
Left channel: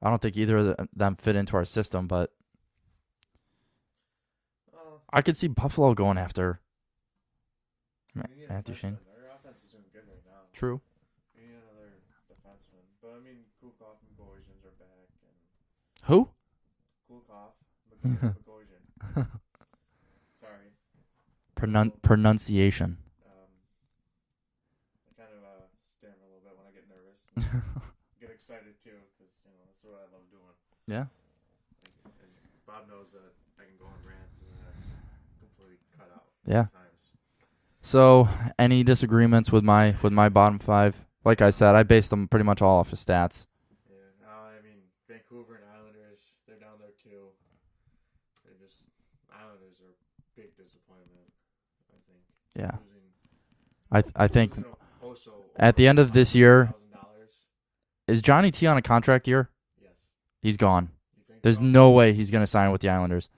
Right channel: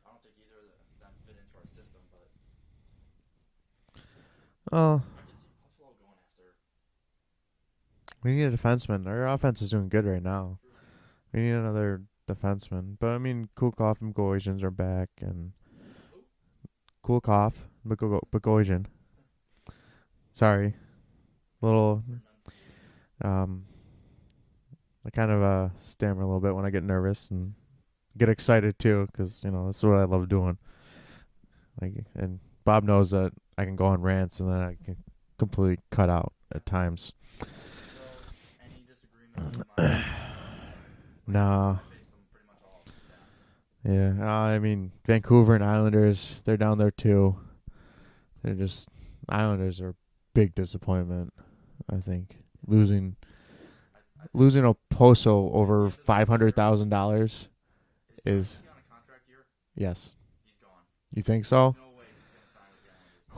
I don't think either of them fit into our system, but I could see Buffalo going after. We need a defenseman. Our offense is doing good right now. True. We need another defenseman. But, I mean, Kulkoff and Bogosian are back. And who? Kulkoff, Bogosian. Sorry. Pronunciation. I kind of stammer a little bit when I get nervous and get excited too, because that's what I love doing. Yeah. And Bob knows that I can go on rants and then I can completely cut out at times. So, any disagreements with my bottom 5? Like I said, I based them pretty much all off of stats. Yeah. I mean, Vancouver and Islanders, they're down there too. Islanders are big disappointment, I think. Yeah. Losing I think losing Oposo over at the end of this year $500,000. Is Johnny T on a contract year? Yes. He's gone. You think There's so? no way he's going to sign with the Islanders.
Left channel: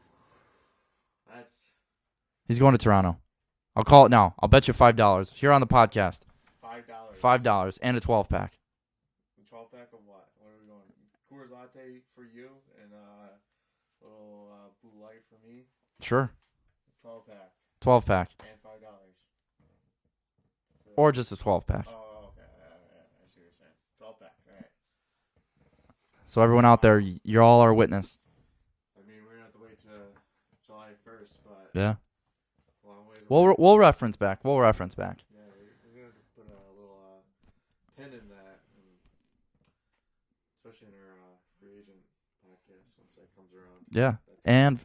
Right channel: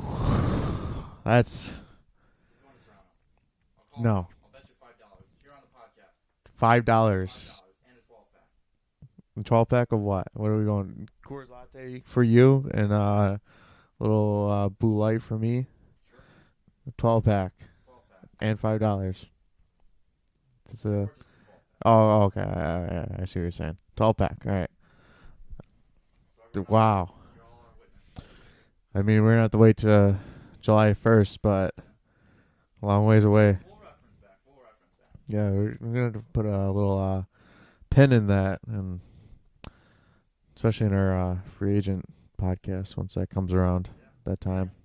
He's going to Toronto. I'll call it No. now. I'll bet you $5 here on the podcast. $5. $5 and a 12-pack. A 12-pack of what? What are we going? Coors Latte for you and little Blue Light for me. Sure. 12-pack 12-pack. and $5. Or just a 12-pack. Oh, okay. I see what you're saying. 12-pack. All right. So everyone out there, Wow. you're all our witness. I mean, we're gonna have to wait to July 1st, but Yeah. a long ways away. We'll reference back. Yeah, we're gonna put a little pin in that, and especially in our free agent podcast once that comes around. Yeah. That time.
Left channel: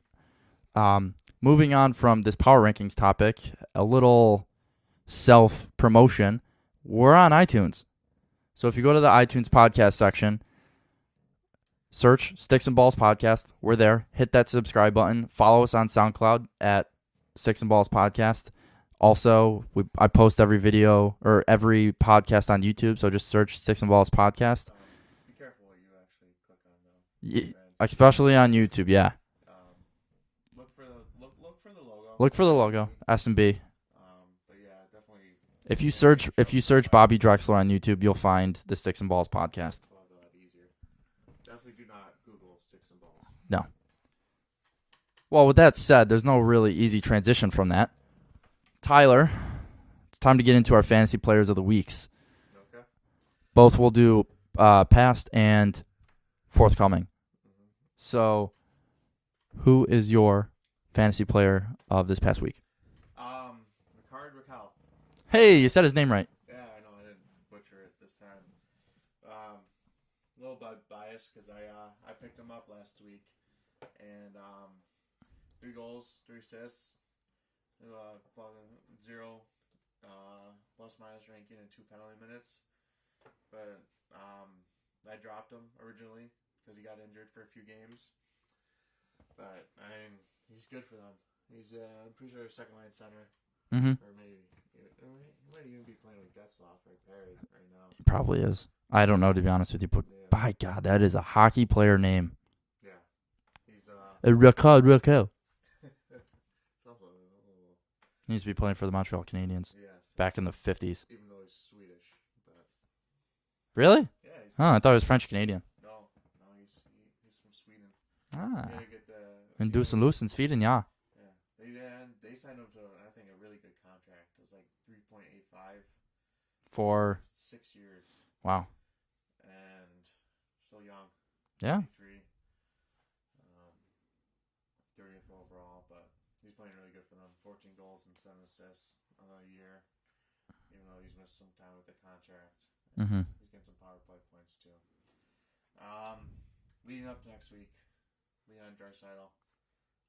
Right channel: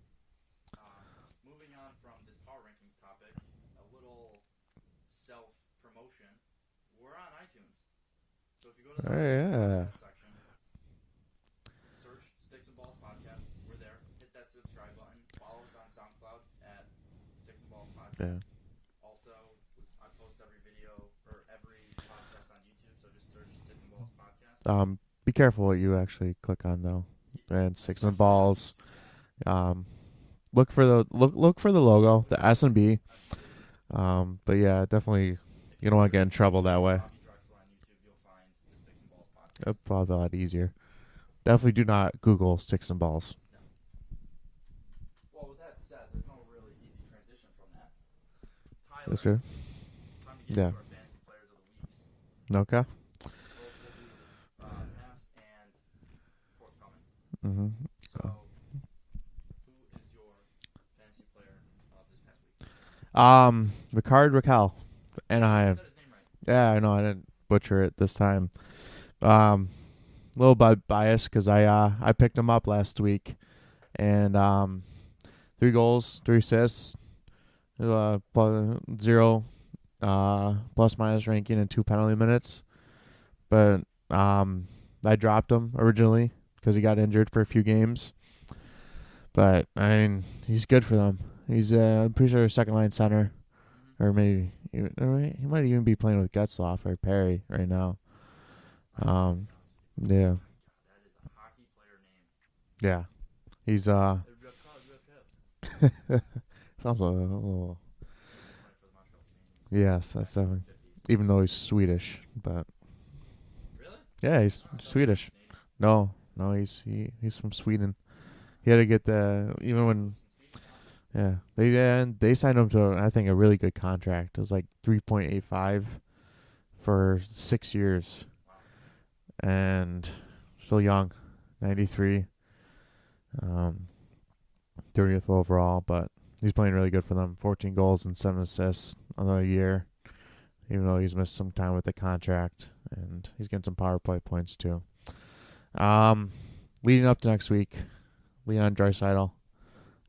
And moving on from this power rankings topic, a little self-promotion. We're on iTunes. So if you go to the iTunes podcast section, search Sticks and Balls Podcast. We're there. Hit that subscribe button. Follow us on SoundCloud at Sticks and Balls Podcast. Also, I post every video or every podcast on YouTube, so just search Sticks and Balls Podcast. Be careful what you actually click on though. Man, Sticks Especially and on Balls. YouTube, yeah. Look for the look for the logo. Look the for the SnB. logo. SnB. But yeah, definitely. If You you don't wanna get in search trouble that way. Bobby Drexler on YouTube, you'll find the Sticks and Balls Podcast. That's probably a lot easier. Definitely do not Google Sticks and Balls. Well, with that said, there's no really easy transition from that. Tyler, Okay. it's time to get into Yeah. our fantasy players of the weeks. Okay. Both will do past and forthcoming. Mm-hmm. So, who is your fantasy player of this past week? Ricard Raquel. Hey, you said his name right. Yeah, I know. I didn't butcher it this time. Little bit biased because I picked him up last week, and 3 goals, 3 assists, 0 plus minus ranking and 2 penalty minutes. But I dropped him originally because he got injured for a few games. But I mean, he's good for them. He's I'm pretty sure second line center, Mm-hmm. or maybe he might even be playing with Getzlaff or Perry right now. Probably is. I don't know, to be honest with you. But Yeah, by God, that is a hockey player name. yeah. He's Raquel. sounds a little, He needs to be playing for the Montreal Canadiens yes, back in the 50s. even though he's Swedish, but Really? yeah, he's Oh, I thought he was Swedish. French-Canadian. No, he's from Sweden. Ah. He had to get the In even when Busen Sweden, yeah. yeah they signed him to I think a really good contract. It was like 3.85 for 6 years, Wow. and still young, Yeah. 93, 30th overall, but he's playing really good for them. 14 goals and 7 assists another year, even though he's missed some time with the contract, and Mhm. he's getting some power play points too. Leading up to next week, Leon Draisaitl,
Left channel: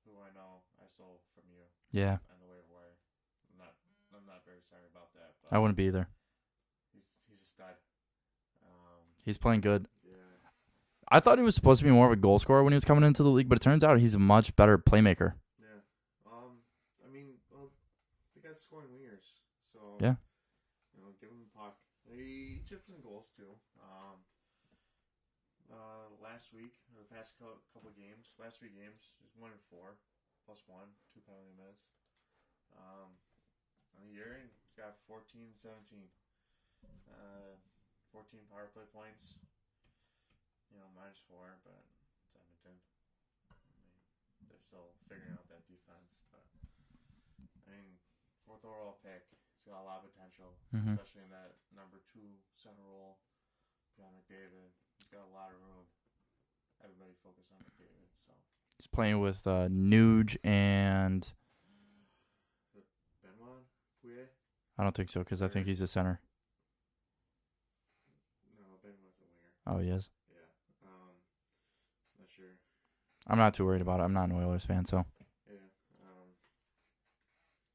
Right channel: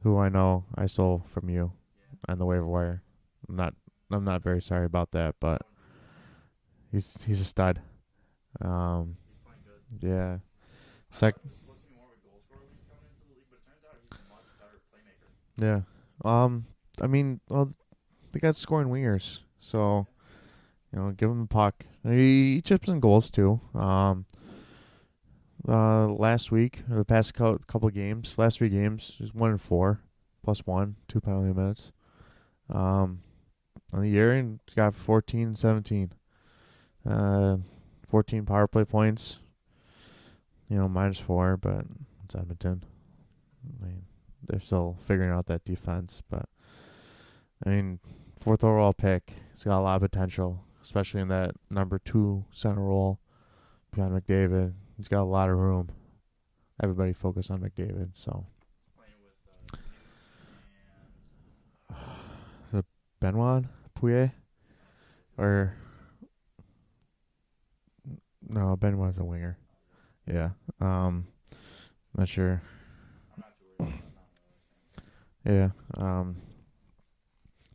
who I know I stole from you Yeah. on the waiver wire. I'm not very sorry about that, I but wouldn't be either. he's a stud. He's playing good. Yeah. I Sec- thought he was supposed to be more of a goal scorer when he was coming into the league, but it turns out he's a much better playmaker. Yeah. I mean, well, they got scoring wingers, so Yeah. give him the puck. He chips in goals too. Last week, or the past couple of games, last 3 games, he's 1-4, +1, 2 penalty minutes. On the year, and he's got 14, 17, 14 power play points. -4, but it's Edmonton. I mean, they're still figuring out that defense, but I mean, 4th overall pick. He's got a lot of potential, Mhm. especially in that number 2 center role behind McDavid. He's got a lot of room. Everybody focus on McDavid. So He's playing with Nuge and Benoit Pouillet? I don't think so because I Or- think he's a center. No, Benoit's a winger. Oh, he is. Yeah. Not sure. I'm not too worried about it. I'm not an Oilers fan, so. Yeah.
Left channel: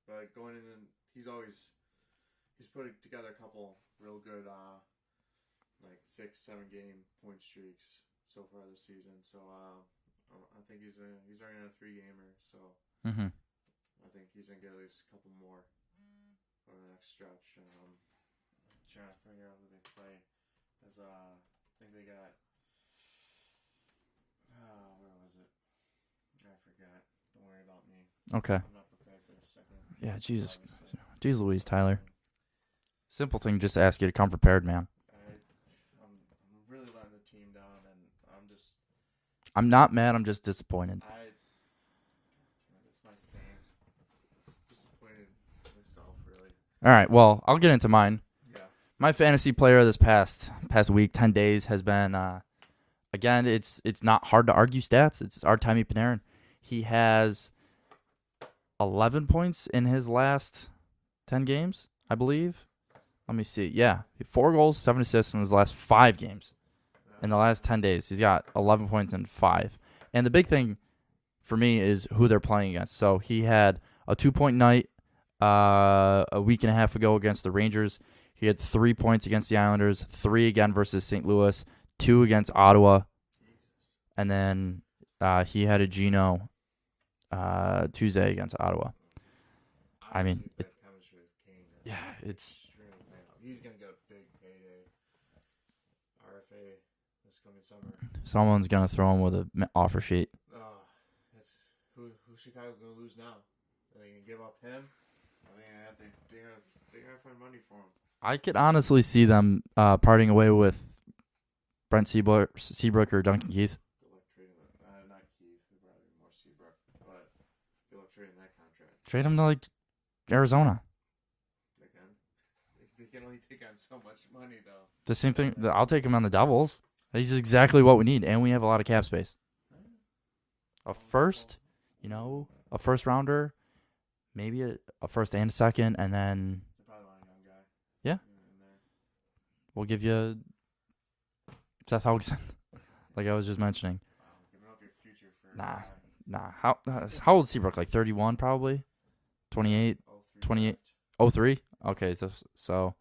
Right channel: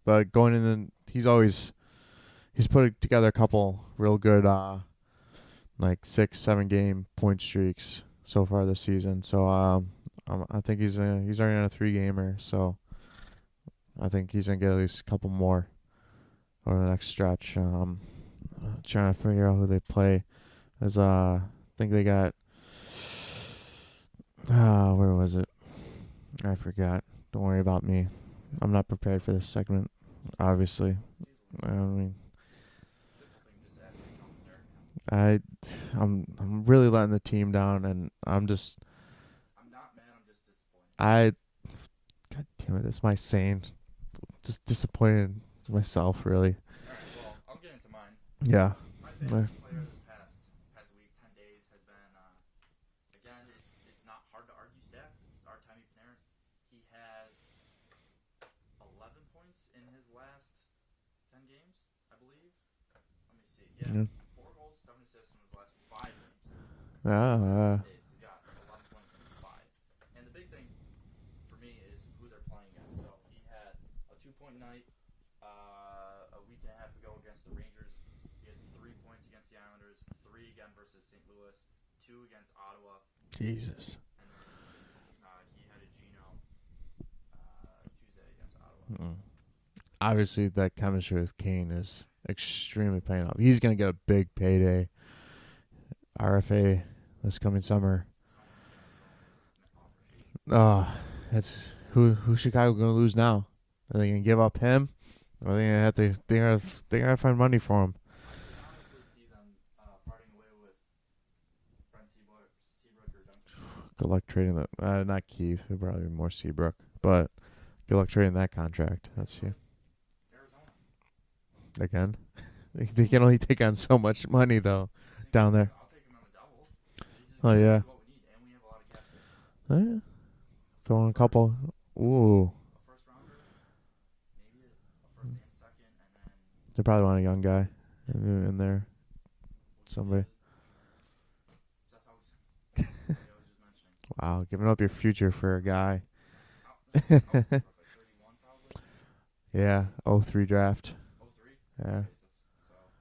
But going in he's put together a couple real good like 6-7 game point streaks so far this season. So I think he's already on a 3-gamer, so Mm-hmm. I think he's gonna get at least a couple more over the next stretch. Trying to figure out who they play. As I think they got where was it? I forgot. Don't worry about me. Okay. I'm not prepared for this segment. Yeah, Jesus. Obviously. Jeez Louise, I Tyler. mean, Simple thing just to ask you to come prepared, man. I'm really letting the team down, and I'm not mad. I'm just disappointed. God damn it, that's my saying. Just disappointed in myself, really. All right, well, I'll get into mine. Yeah. My fantasy player this past week, 10 days, has been, again, it's not hard to argue stats. It's Artemi Panarin. He has 11 points in his last 10 games, I believe. Let me see. Yeah, 4 goals, 7 assists in his last 5 games. In the last 10 days, he's got 11 points in 5. And the big thing for me is who they're playing against. So he had a 2-point night a week and a half ago against the Rangers. He had 3 points against the Islanders, 3 again versus St. Louis, 2 against Ottawa. Jesus. And then he had a Geno Tuesday against Ottawa. Obviously, that chemistry with Kane is extremely paying off. He's going to get a big payday. RFA this coming summer. Someone's going to throw him with an offer sheet. That's who Chicago going to lose now? Are they going to give up him? Or are they going to have to they're going to find money for him? I could honestly see them parting away with Brent Seabrook or Duncan Keith. Good luck trading that. Not Keith. It'd probably be more Seabrook. But good luck trading that contract. Trade him to, like, Arizona. Again? They can only take on so much money, though. The same down thing. there. I'll take him on the Devils. He's exactly what we need, and we have a lot of cap space. Yeah. A first, a first rounder, maybe a first and a second, and then they probably want a young guy. Yeah. In there. We'll give you Seth Helgeson, like I was just mentioning. Wow, giving up your future for a guy. Nah, how old is Seabrook? Like 31, probably. 28. Yeah, 03 draft. 03? Yeah. Okay, so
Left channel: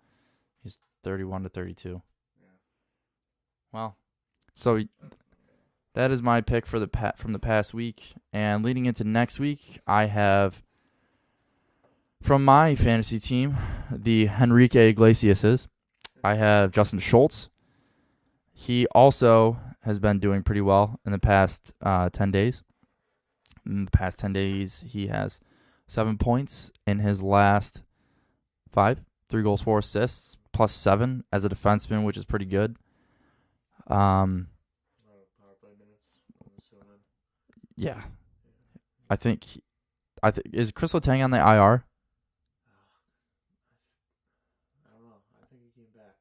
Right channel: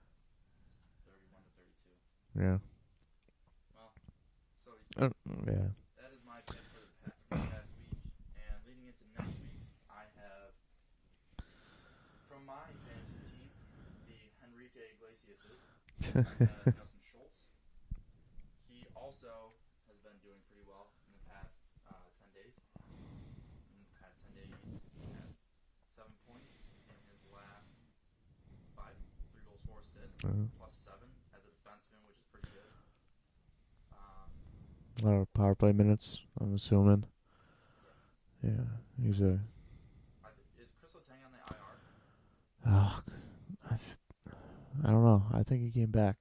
he's 31 to 32. Yeah. Well, so that is my pick for from the past week. And leading into next week, I have from my fantasy team, the Henrique Iglesiases. I have Justin Schultz. He also has been doing pretty well in the past 10 days. In the past 10 days, he has 7 points in his last 5. 3 goals, 4 assists, plus 7 as a defenseman, which is pretty good. A lot of power play minutes, I'm assuming. Yeah. Yeah. I think is Chris Letang on the IR? Oh, I don't know. I think he came back.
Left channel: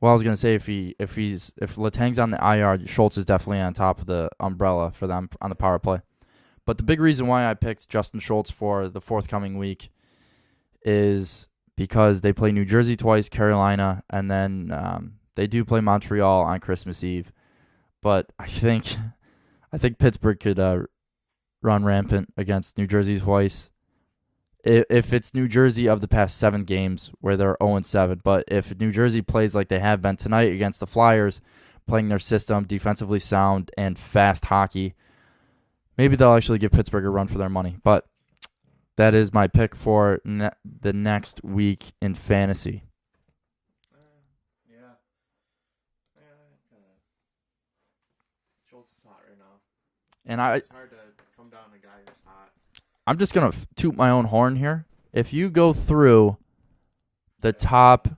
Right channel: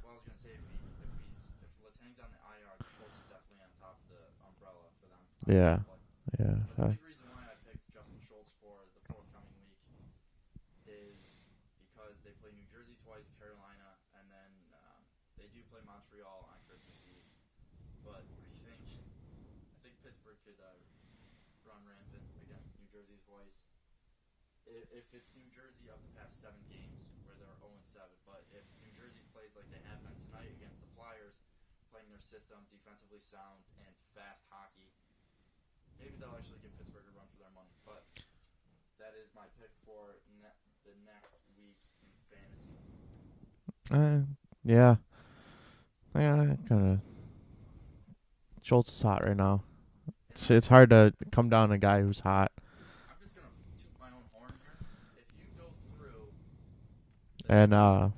Well, I was gonna say if Letang's on the IR, Schultz is definitely on top of the umbrella for them on the power play. Yeah. But the big reason why I picked Justin Schultz for the forthcoming week is because they play New Jersey twice, Carolina, and then they do play Montreal on Christmas Eve. But I think Pittsburgh could run rampant against New Jersey twice. If it's New Jersey of the past 7 games where they're 0-7, but if New Jersey plays like they have been tonight against the Flyers, playing their system, defensively sound, and fast hockey, maybe they'll actually give Pittsburgh a run for their money. But that is my pick for the next week in fantasy. Yeah. Kind of. Schultz is hot right now. And it's hard to come down a guy who's hot. I'm just going to toot my own horn here. If you go through the top...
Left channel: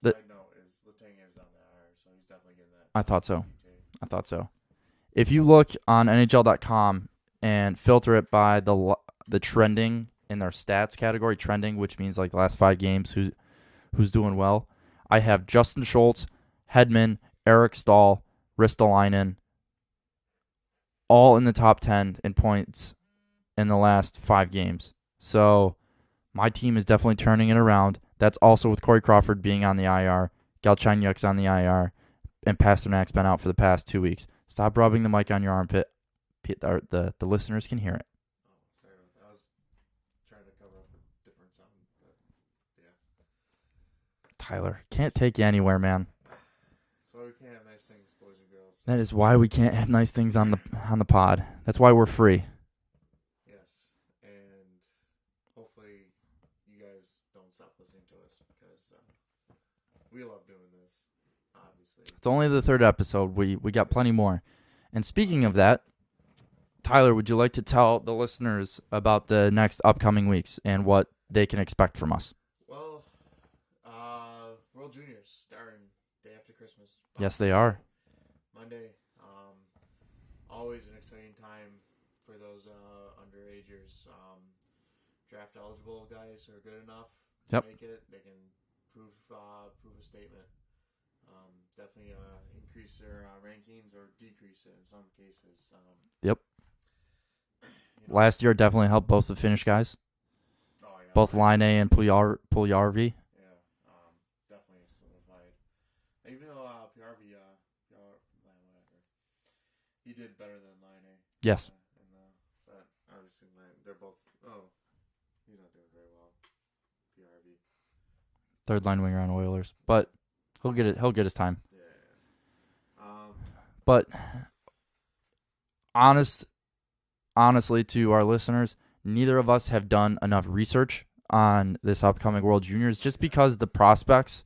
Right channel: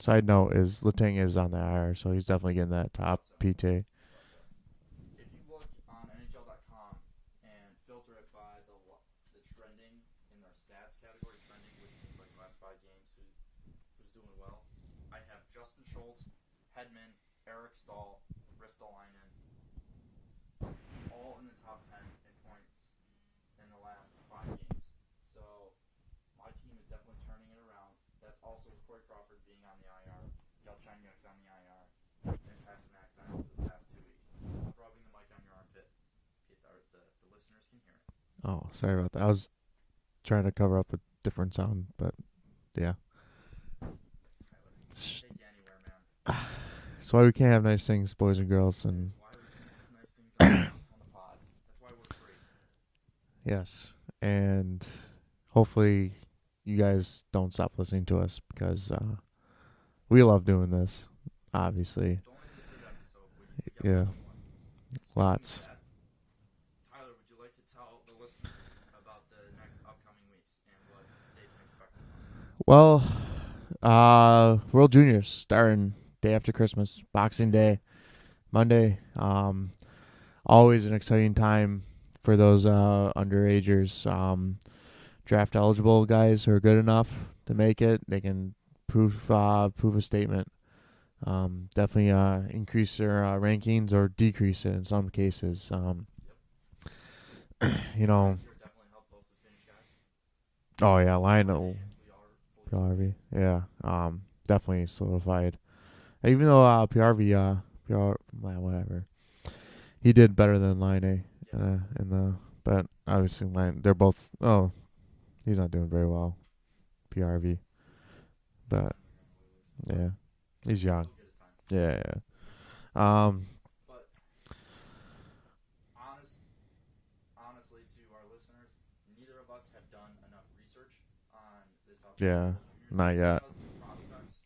side note is Letang is on the IR, so he's definitely getting that top I thought so. PT. I thought so. If you look on NHL.com and filter it by the trending in their stats category, trending, which means like the last 5 games, who's doing well, I have Justin Schultz, Hedman, Eric Stahl, Ristolainen, all in the top 10 in points in the last 5 games. So my team is definitely turning it around. That's also with Corey Crawford being on the IR, Galchenyuk's on the IR, and Pasternak's been out for the past 2 weeks. Stop rubbing the mic on your armpit. The listeners can hear it. Oh, sorry about that. I was trying to cover up a different sound, but yeah. Tyler, can't take you anywhere, man. That's why we can't have nice things, boys and girls. That is why we can't have nice things on the pod. That's why we're free. Yes, and hopefully you guys don't stop listening to us because we love doing this, obviously. It's only the 3rd episode. We got plenty more. And speaking Lots. of that, Tyler, would you like to tell the listeners about the next upcoming weeks and what they can expect from us? Well, World Juniors starting day after Christmas, Boxing they Day, are. Monday. Always an exciting time for those underagers. Draft eligible guys who are good enough to Yep. make it. They can prove a statement. Definitely increase their rankings or decrease it in some cases. Yep. You know, Last year definitely helped both the Finnish guys, oh yeah, both Line Line and Puljärvi. Yeah, definitely solidified. Even though whatever, he did better than Line A. Yes. But obviously they're both. Oh, he's not doing very well. PRV, Third line winger on Oilers, but yeah, he'll he's get it. young. He'll get his time. Yeah. But honestly, to our listeners, neither of us have done enough research on this upcoming Yeah, World Juniors, not just yet. because the prospects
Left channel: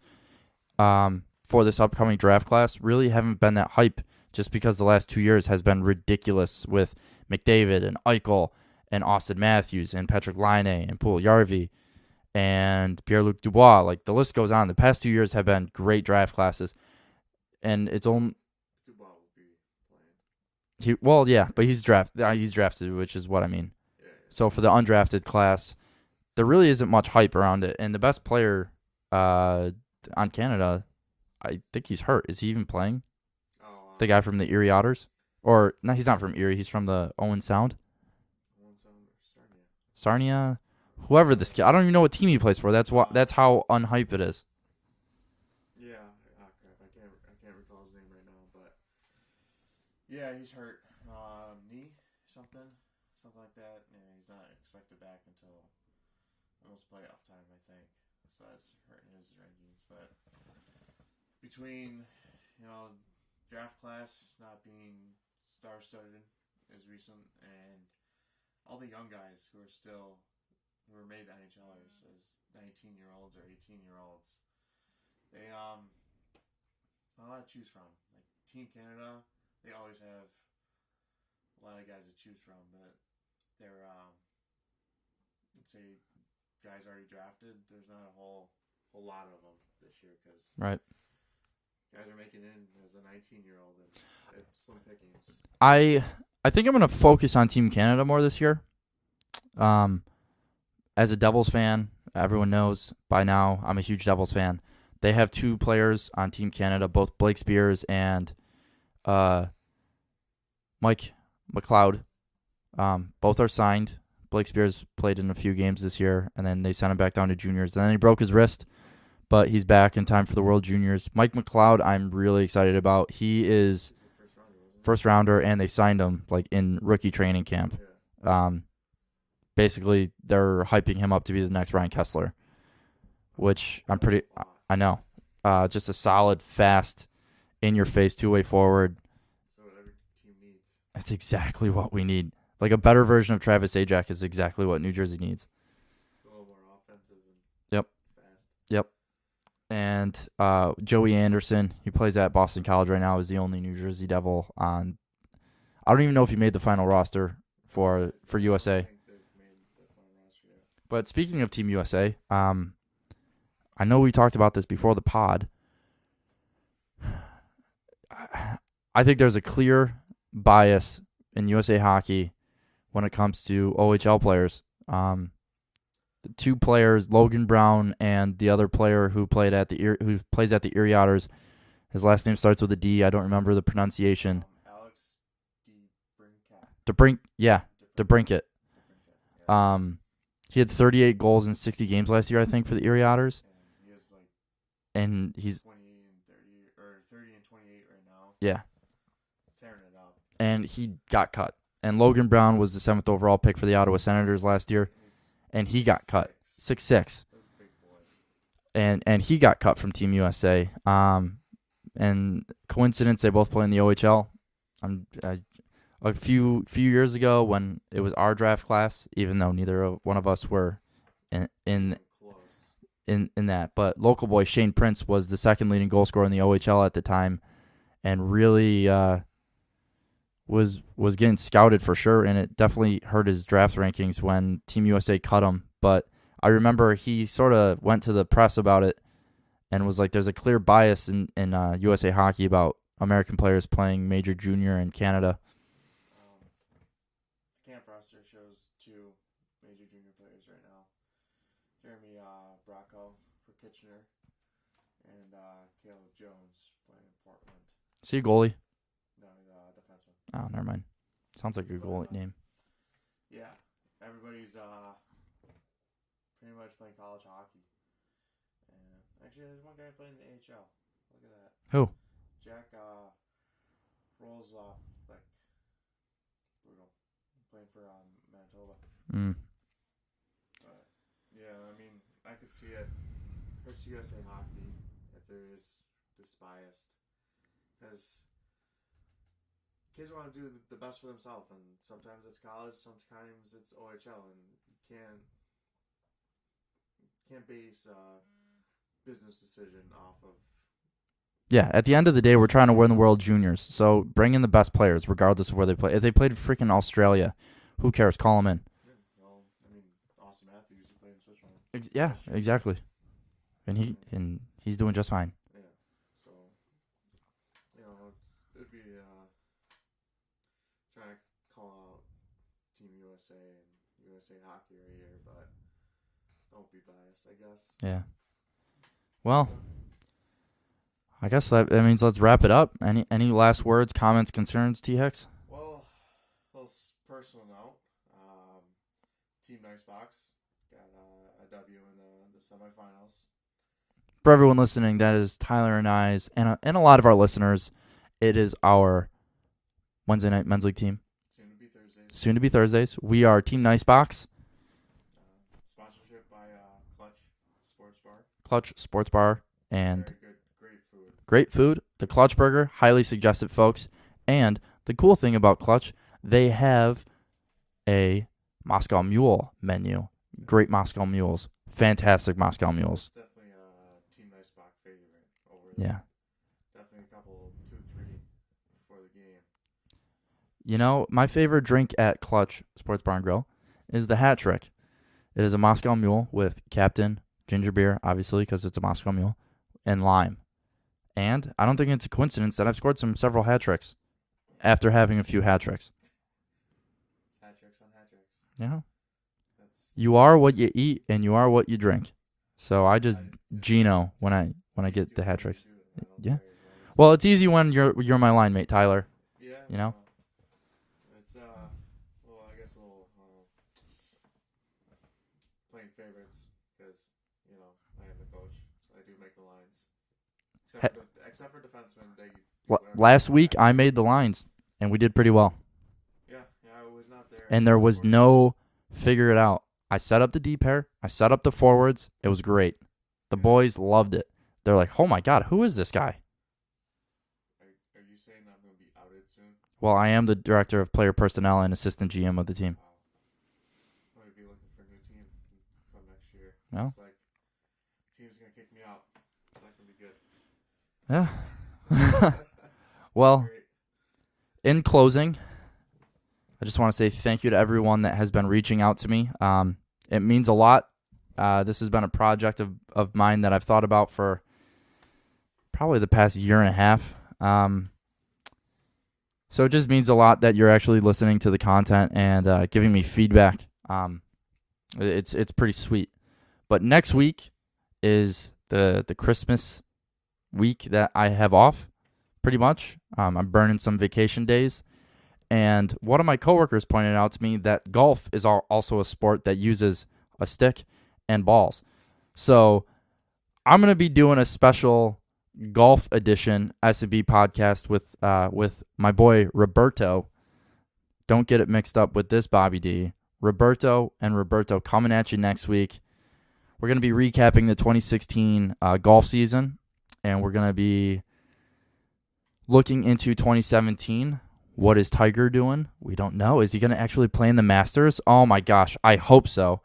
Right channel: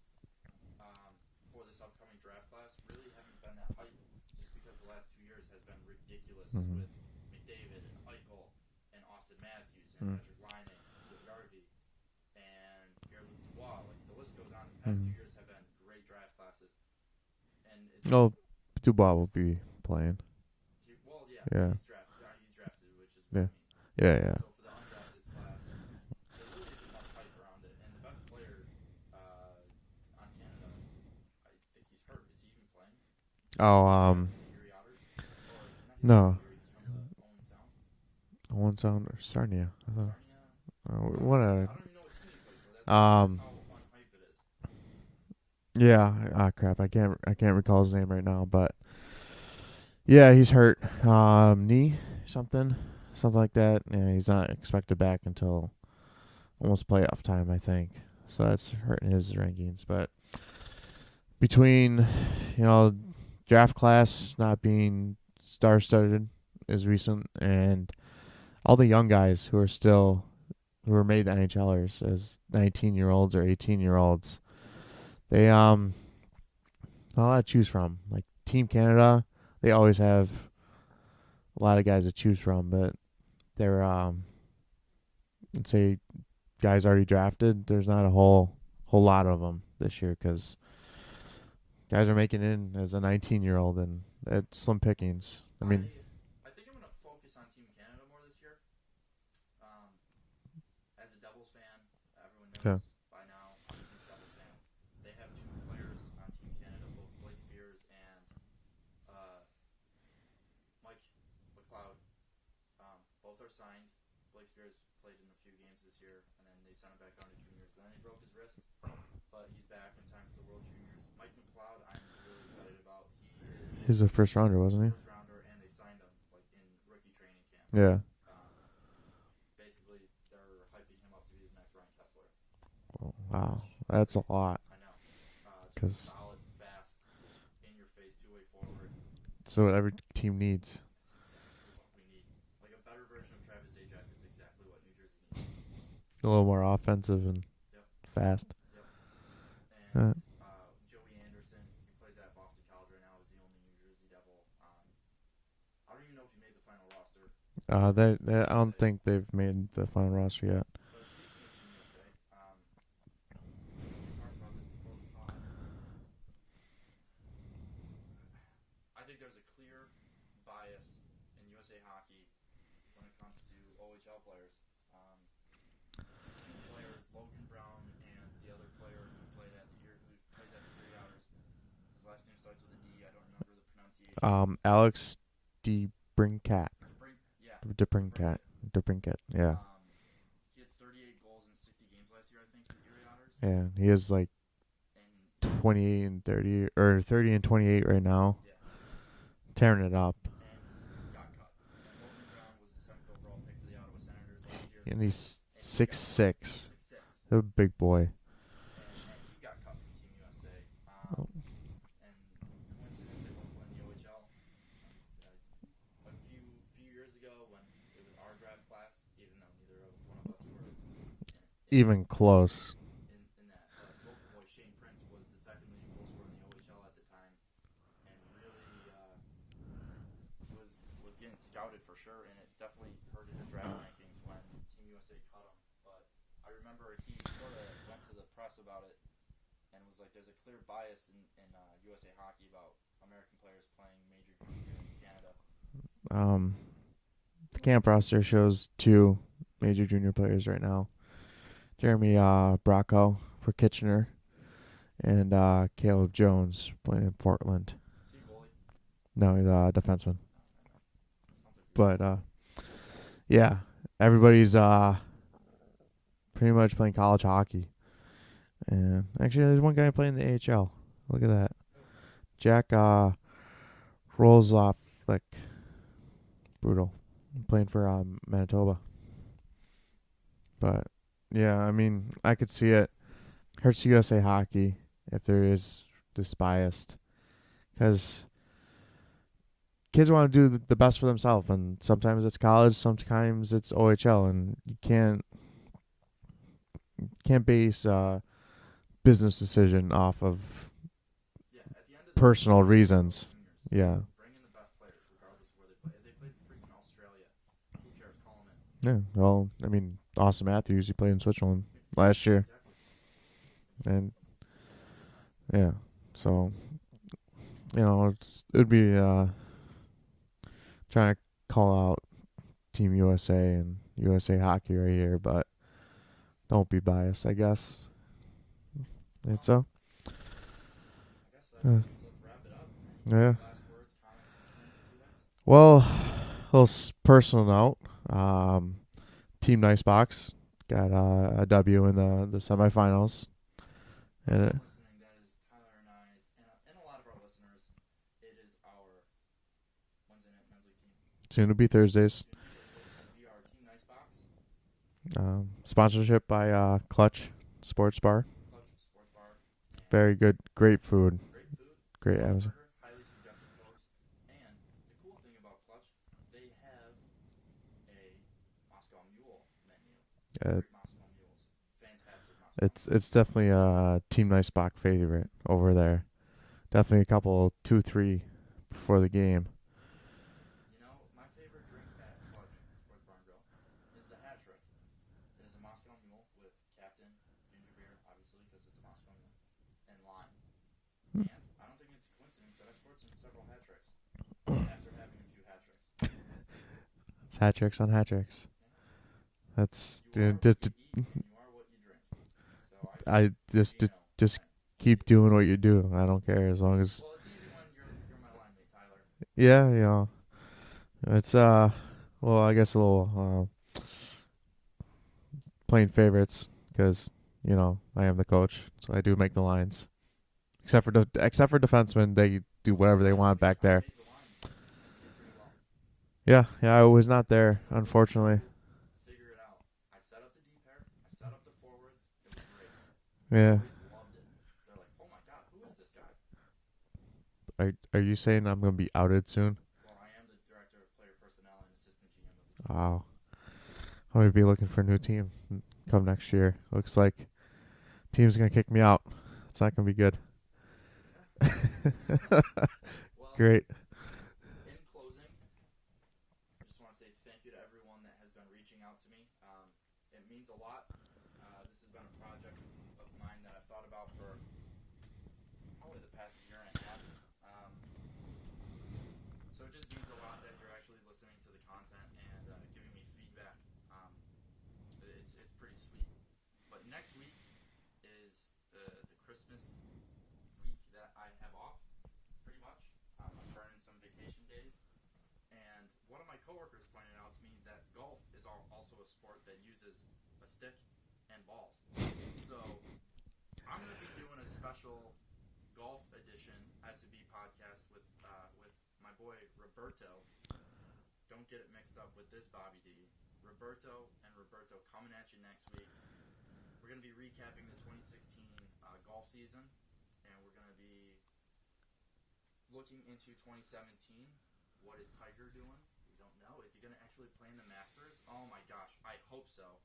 for this upcoming draft class really haven't been that hype, just because the last 2 years has been ridiculous with McDavid and Eichel and Austin Matthews and Patrick Laine and Puljärvi and Pierre-Luc Dubois. Like, the list goes on. The past 2 years have been great draft classes, and it's only Dubois will be playing. but Yeah. he's drafted, which is what I mean. Yeah. So for the undrafted class, there really isn't much hype around it. And the best player on Canada, I think he's hurt. Is he even playing? The guy from the Erie Otters? Or, no, he's not from Erie. He's from the Owen Sound. Owen Sound or Sarnia. Sarnia? Whoever this guy. I don't even know what team he plays for. That's how unhype it is. Yeah. Crap. I can't recall his name right now, but yeah, he's hurt. Knee, something like that. Yeah, he's not expected back until almost playoff time, I think. So that's hurting his rankings. But between, draft class not being star-studded is recent, and all the young guys who are made NHLers as 19-year-olds or 18-year-olds, they not a lot to choose from. Like Team Canada, they always have a lot of guys to choose from, but they're let's say guys already drafted. There's not a whole lot of them this year because Right. guys are making it in as a 19-year-old, and it's slim pickings. I think I'm going to focus on Team Canada more this year. As a Devils fan, everyone knows by now I'm a huge Devils fan. They have 2 players on Team Canada, both Blake Spears and Mike McLeod. Both are signed. Blake Spears played in a few games this year, and then they sent him back down to juniors. And then he broke his wrist, but he's back in time for the World Juniors. Mike McLeod, I'm really excited about. He's a first rounder, wasn't he? First rounder, and they signed him like in rookie training camp. Yeah. Basically, they're hyping him up to be the next Ryan Kessler, Wow. which I'm That's pretty. a lot. I know. Just a solid, fast, in-your-face, two-way forward. So what every team needs. That's exactly what we need. Like a better version of Travis Zajac is exactly what New Jersey needs. A little more offensive and fast. Yep. And Joey Anderson, he plays at Boston College right now, is the only New Jersey Devil on. I don't even know if he made the final roster for USA. I don't think they've made the final roster yet. But speaking of Team USA, I know we talked about this before the pod. I think there's a clear bias in USA Hockey when it comes to OHL players. The 2 players, Logan Brown and the other player who plays at the Erie Otters. His last name starts with a D. I don't remember the pronunciation. Alex DeBrincat. DeBrincat. Yeah. He had 38 goals in 60 games last year, I think, for the Erie Otters. Yeah, he is And he's 28 and 30 or 30 and 28 right now. Yeah. Tearing it up. And he got cut. And Logan Brown was the 7th overall pick for the Ottawa Senators last year. And he got cut. 6'6". A big boy. And he got cut from Team USA. And coincidence, they both play in the OHL. A few years ago when it was our draft class, even though neither one of us were even close in that. But local boy Shane Prince was the second leading goal scorer in the OHL at the time, and really was getting scouted for sure, and it definitely hurt his draft rankings when Team USA cut him. But I remember he sort of went to the press about it and was like, there's a clear bias in USA hockey about American players playing major junior in Canada. The camp roster shows 2 major junior players right now. Jeremy Bracco for Kitchener and Caleb Jones playing in Portland. Is he a goalie? No, he's a defenseman. Oh, never mind. Sounds like a But, goalie name. Yeah, everybody's pretty much playing college hockey. And actually, there's one guy playing the AHL. Look at that. Who? Jack Rolls-Off, like, brutal. Playing for Manitoba. Mm. But, yeah, I mean, I could see it. Hurts USA hockey if there is this biased. Because kids want to do the best for themselves. And sometimes it's college, sometimes it's OHL. And you can't base business decision off of. Yeah, at the end of the day, we're Personal trying to win reasons. World Juniors. So Yeah. bring in the best players, regardless of where they play. If they played freaking Australia, who cares? Call them in. Yeah, well, I mean, Austin Matthews, he played in Switzerland last year. Exactly. And he's doing just fine. Yeah, so, it would be trying to call out Team USA and USA Hockey right here, but don't be biased, I guess. Yeah. Well, So, I guess that means let's wrap it up. Any Yeah. last words, comments, concerns, T-Hex? well, a little personal note. Team Nicebox got a W in the semifinals. For Yeah. everyone listening, that is Tyler and I's, and a lot of our listeners, it is our Wednesday night men's league team. Soon to be Thursdays. Soon to be Thursdays. We are Team Nicebox, Sponsorship by Clutch Sports Bar. Clutch Sports Bar, and Very good, great food. great food. The Great Clutch food. Burger, highly suggested, folks. And the cool thing about Clutch, they have a Moscow Mule menu. Yeah. Great Moscow Mules. Fantastic Moscow It's Mules. definitely a Team Nicebox favorite over there. Definitely a couple, 2-3 before the game. You know, my favorite drink at Clutch Sports Bar and Grill is the Hat Trick. It is a Moscow Mule with Captain ginger beer, obviously, because it's a Moscow Mule, and lime. And I don't think it's a coincidence that I've scored several hat tricks after having a few hat tricks. It's hat tricks on hat tricks. Yeah. That's You are what you eat, and you are what you drink. So I just Gino just when I keep get doing the hat what tricks. you do. I don't Yeah. care as long as. Well, it's easy when you're my line mate, Tyler. Yeah, you know. It's well, I guess a little playing favorites because I am the coach, so I do make the lines. Except for defensemen, they do whatever. Last they want week back I there. made the lines, and we did pretty well. Yeah, I was not there, And there was unfortunately. no figure it out. I set up the D pair. I set up the forwards. It was great. The Yeah. boys loved it. They're like, "Oh my god, who is this guy?" Are you saying I'm gonna be outed soon? Well, I am the director of player personnel and assistant GM of the team. Wow. I'm gonna be looking for a new team come next year. Well. Looks like team's gonna kick me out. It's not gonna be good. Yeah. Well, Great. in closing, I just want to say thank you to everyone that has been reaching out to me. It means a lot. This has been a project of mine that I've thought about for probably the past year and a half. So it just means a lot that you're actually listening to the content and giving me feedback. It's pretty sweet. But next week is the Christmas week that I have off, pretty much. I'm burning some vacation days. And one of my coworkers pointed out to me that golf is also a sport that uses a stick and balls. So I'm going to be doing a special golf edition SnB podcast with my boy Roberto. Don't get it mixed up with this Bobby D. Roberto coming at you next week. We're going to be recapping the 2016 golf season, and we're going to be looking into 2017. What is Tiger doing? We don't know. Is he going to actually play in the Masters? Oh, my gosh. I hope so.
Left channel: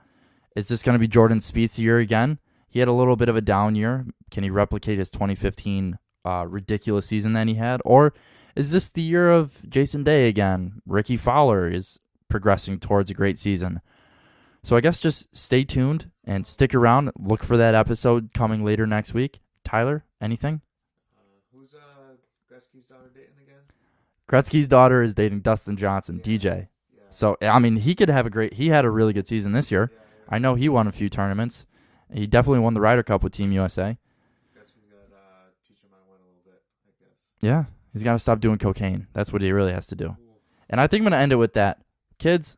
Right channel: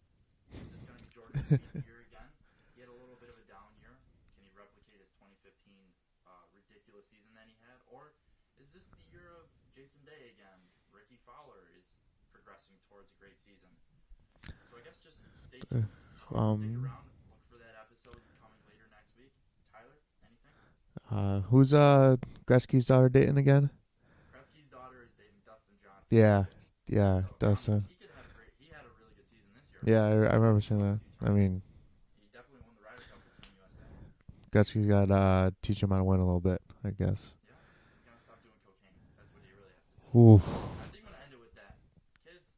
Is this going to be Jordan Spieth's year again? He had a little bit of a down year. Can he replicate his 2015 ridiculous season that he had? Or is this the year of Jason Day again? Ricky Fowler is progressing towards a great season. So I guess just stay tuned and stick around. Look for that episode coming later next week. Tyler, anything? Who's Gretzky's daughter dating again? Gretzky's daughter is dating Dustin Johnson, DJ. Yeah. So, I mean, he could have he had a really good season this year. Yeah. I know he won a few tournaments. He definitely won the Ryder Cup with Team USA. Gretzky's got to teach him how to win a little bit, I guess. Yeah. He's got to stop doing cocaine. That's what he really has to do. Oof. And I think I'm going to end it with that. Kids,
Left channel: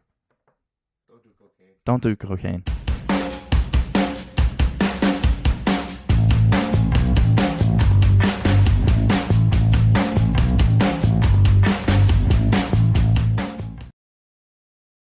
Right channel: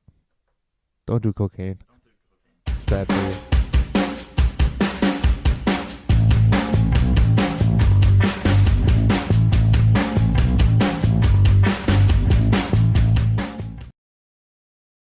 don't do cocaine. don't do cocaine. Bad for you.